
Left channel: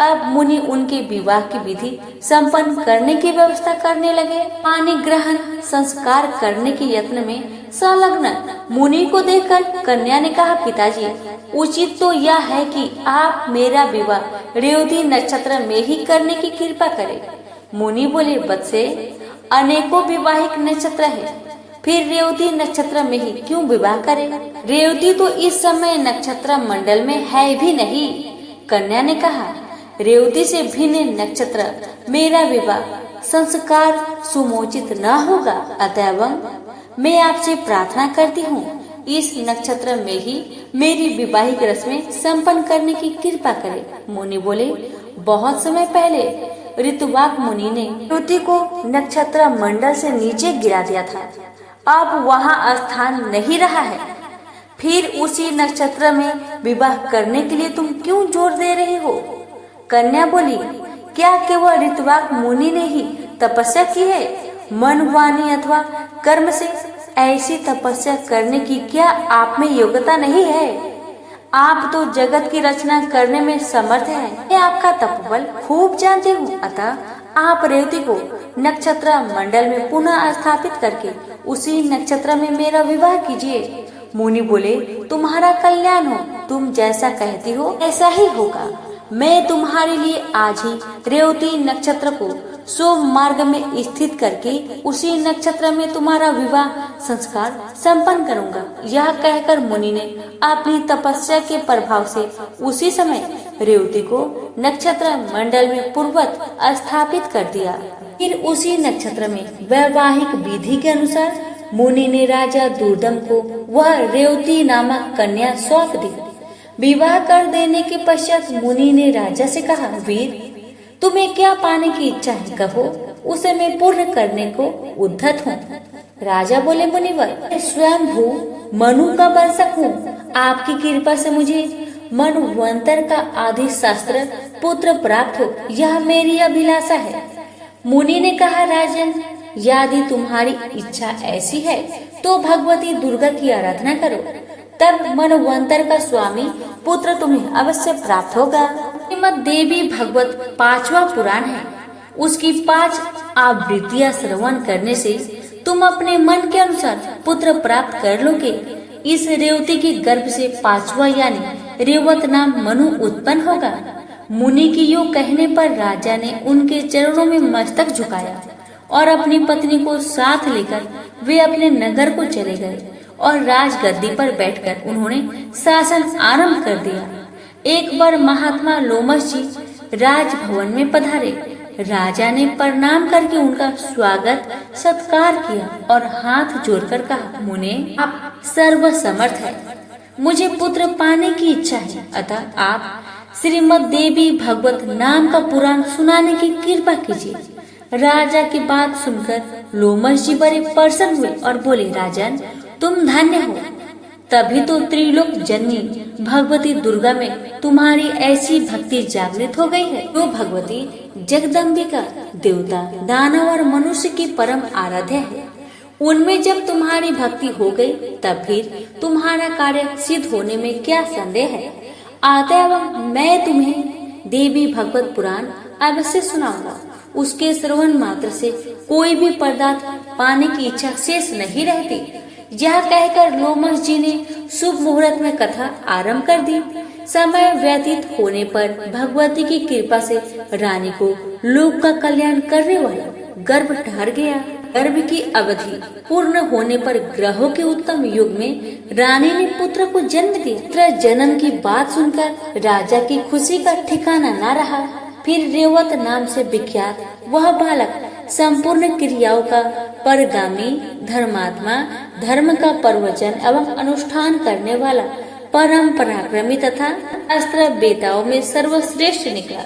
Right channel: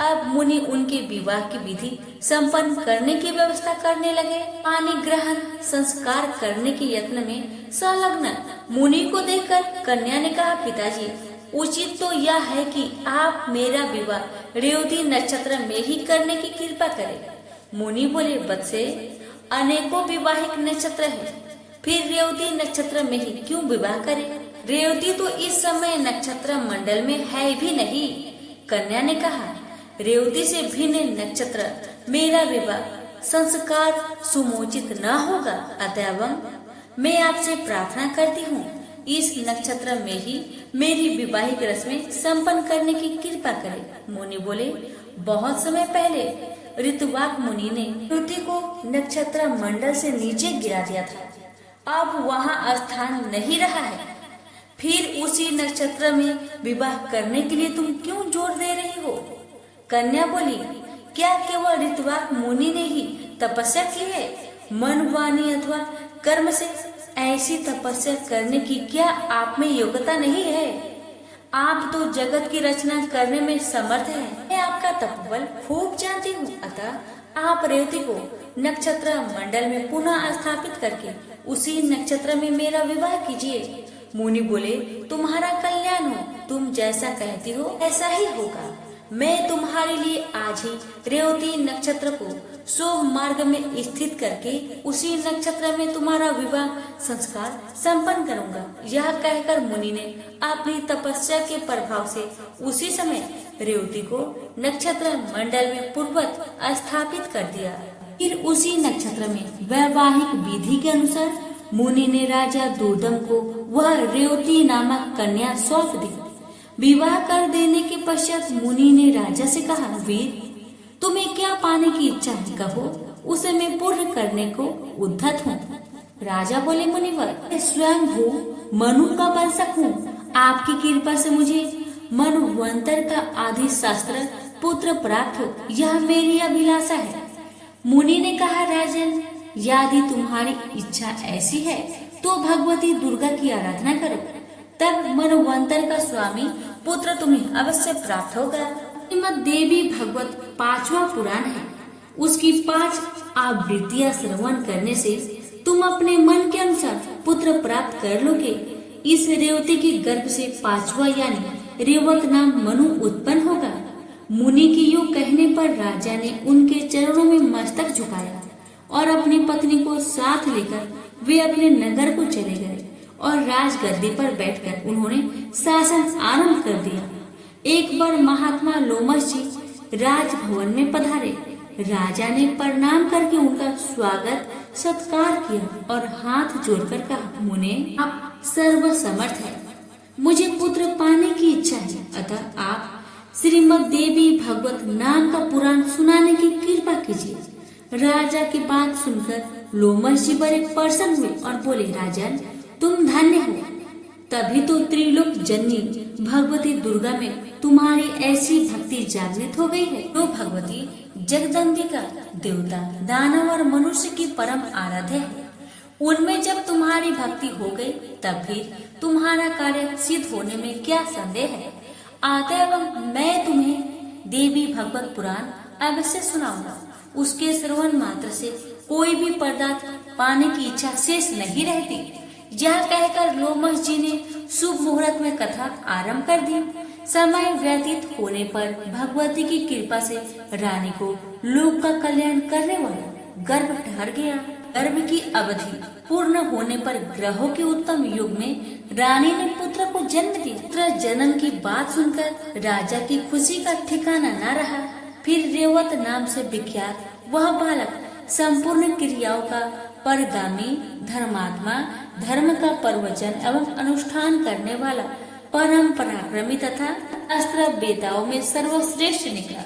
अब मुनि उनके विवाह की विधि संपन्न करने की व्यवस्था करने लगे। पानी ग्रहण संस्कार करने के यत्न में संलग्न मुनि को देखकर कन्या ने कहा, पिताजी, उचित तो यह है कि आप मेरा विवाह रेवती नक्षत्र में ही करने की कृपा करें। मुनि बोले, बच्चे, अनेकों विवाहिक नक्षत्र है, फिर रेवती नक्षत्र में ही क्यों विवाह करें? रेवती तो इस समय नक्षत्र मंडल में है भी नहीं। कन्या ने कहा, रेवती से भिन्न नक्षत्र मेरा विवाह संस्कार सुमोचित न होगा। अतएव मैं आपसे प्रार्थना करती हूँ, इस नक्षत्र में ही मेरी विवाहिक रस्में संपन्न करने की कृपा करें। मुनि बोले, बहुत समय पहले ऋतुवाक मुनि ने रेवती को नक्षत्र मंडल से नीचे गिरा दिया था। अब वहाँ स्थान नहीं रहा है। फिर उसी नक्षत्र में विवाह करने के लिए तुम क्यों जोर दे रहे हो? कन्या बोली, क्या केवल ऋतुवाक मुनि ने ही तपस्या की है? मन, वाणी अथवा कर्म से ऐसी तपस्या करने की क्या आप में योग्यता नहीं है? आप तो जगत की रचना करने में समर्थ हैं। मैं आपका तपोबल खूब जानती हूँ। अतः आप रेवती को नक्षत्र मंडल में पुनः स्थापित करके उसी नक्षत्र में मेरा विवाह कीजिए। मुनि बोले, तुम्हारा कल्याण हो। तुम जैसा कहती हो ऐसा ही होगा। मैं तुम्हारे लिए आज ही रेवती नक्षत्र को शुभ मार्ग में स्थित करके उसी नक्षत्र में तुम्हारा विवाह संस्कार संपन्न करूंगा। यह कहकर मुनि ने अपनी तपस्या के प्रभाव से उसी समय रेवती को नक्षत्र मंडल में पूर्ववत स्थापित कर दिया। फिर उसी नक्षत्र में वैवाहिक विधि के अनुसार मुनि ने राजा दुर्दम को वह रेवती नामक कन्या सौंप दी। विवाह कर देने के पश्चात मुनि ने राजा से कहा, वीर, तुम्हें क्या पाने की इच्छा है, कहो, उसे मैं पूर्ण करने को उद्धत हूँ। राजा बोले, मुनिवर, स्वयं भू मनु का वंशक हूँ। आपकी कृपा से मुझे मनुवंतर का आदि शास्त्र पुत्र प्राप्त हो, यह मेरी अभिलाषा है। मुनि ने कहा, राजन, यदि तुम्हारी इच्छा ऐसी है तो भगवती दुर्गा की आराधना करो, तब मनवंतर का स्वामी पुत्र तुम्हें अवश्य प्राप्त होगा। श्रीमद् देवी भागवत 5वां पुराण है। उसकी 5 आवृत्तियां श्रवण करने से तुम अपने मन के अनुसार पुत्र प्राप्त कर लोगे। इस रेवती के गर्भ से 5वां यानी रेवत नाम मनु उत्पन्न होगा। मुनि की यो कहने पर राजा ने उनके चरणों में मस्तक झुकाया और अपनी पत्नी को साथ लेकर वे अपने नगर को चले गए और राजगद्दी पर बैठकर उन्होंने शासन आरंभ कर दिया। एक बार महात्मा लोमश जी राजभवन में पधारे। राजा ने प्रणाम करके उनका स्वागत सत्कार किया और हाथ जोड़कर कहा, मुने, आप सर्वसमर्थ है, मुझे पुत्र पाने की इच्छा है, अतः आप श्रीमद् देवी भागवत नाम का पुराण सुनाने की कृपा कीजिए। राजा की बात सुनकर लोमश जी बड़े प्रसन्न हुए और बोले, राजन, तुम धन्य हो। तभी तो त्रिलोक जननी भगवती दुर्गा में तुम्हारी ऐसी भक्ति जागृत हो गई है। जो भगवती जगदम्बिका देवता, दानव और मनुष्य की परम आराध्य है। उनमें जब तुम्हारी भक्ति हो गई तब फिर तुम्हारा कार्य सिद्ध होने में क्या संदेह है। अतएव मैं तुम्हें देवी भगवत पुराण अवश्य सुनाऊंगा। उसके श्रवण मात्र से कोई भी पदार्थ पाने की इच्छा शेष नहीं रहती। यह कहकर लोमस जी ने शुभ मुहूर्त में कथा आरंभ कर दी। समय व्यतीत होने पर भगवती की कृपा से रानी को लोक का कल्याण करने वाला गर्भ ठहर गया। गर्भ की अवधि पूर्ण होने पर ग्रहों के उत्तम युग में रानी ने पुत्र को जन्म दिया। पुत्र जन्म की बात सुनकर राजा की खुशी का ठिकाना न रहा। फिर रेवत नाम से विख्यात वह बालक संपूर्ण क्रियाओं का परगामी, धर्मात्मा, धर्म का प्रवचन एवं अनुष्ठान करने वाला, परम पराक्रमी तथा अस्त्र बेताओं में सर्वश्रेष्ठ निकला।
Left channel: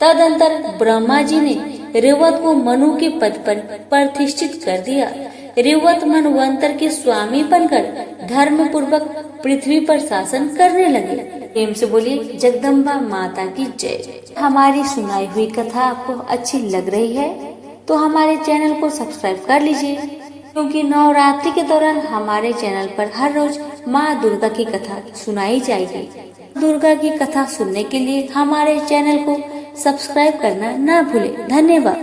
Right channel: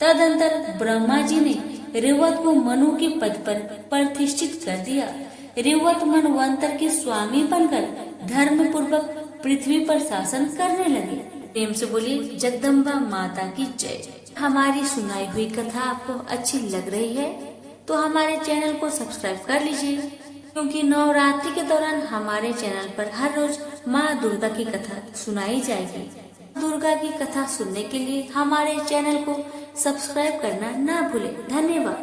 तदंतर ब्रह्मा जी ने रेवत को मनु के पद पर प्रतिष्ठित कर दिया। रेवत मनवंतर के स्वामी बनकर धर्म पूर्वक पृथ्वी पर शासन करने लगे। प्रेम से बोलिए जगदम्बा माता की जय। हमारी सुनाई हुई कथा आपको अच्छी लग रही है तो हमारे चैनल को सब्सक्राइब कर लीजिए, क्योंकि नवरात्रि के दौरान हमारे चैनल पर हर रोज माँ दुर्गा की कथा सुनाई जाएगी। दुर्गा की कथा सुनने के लिए हमारे चैनल को सब्सक्राइब करना ना भूलें। धन्यवाद।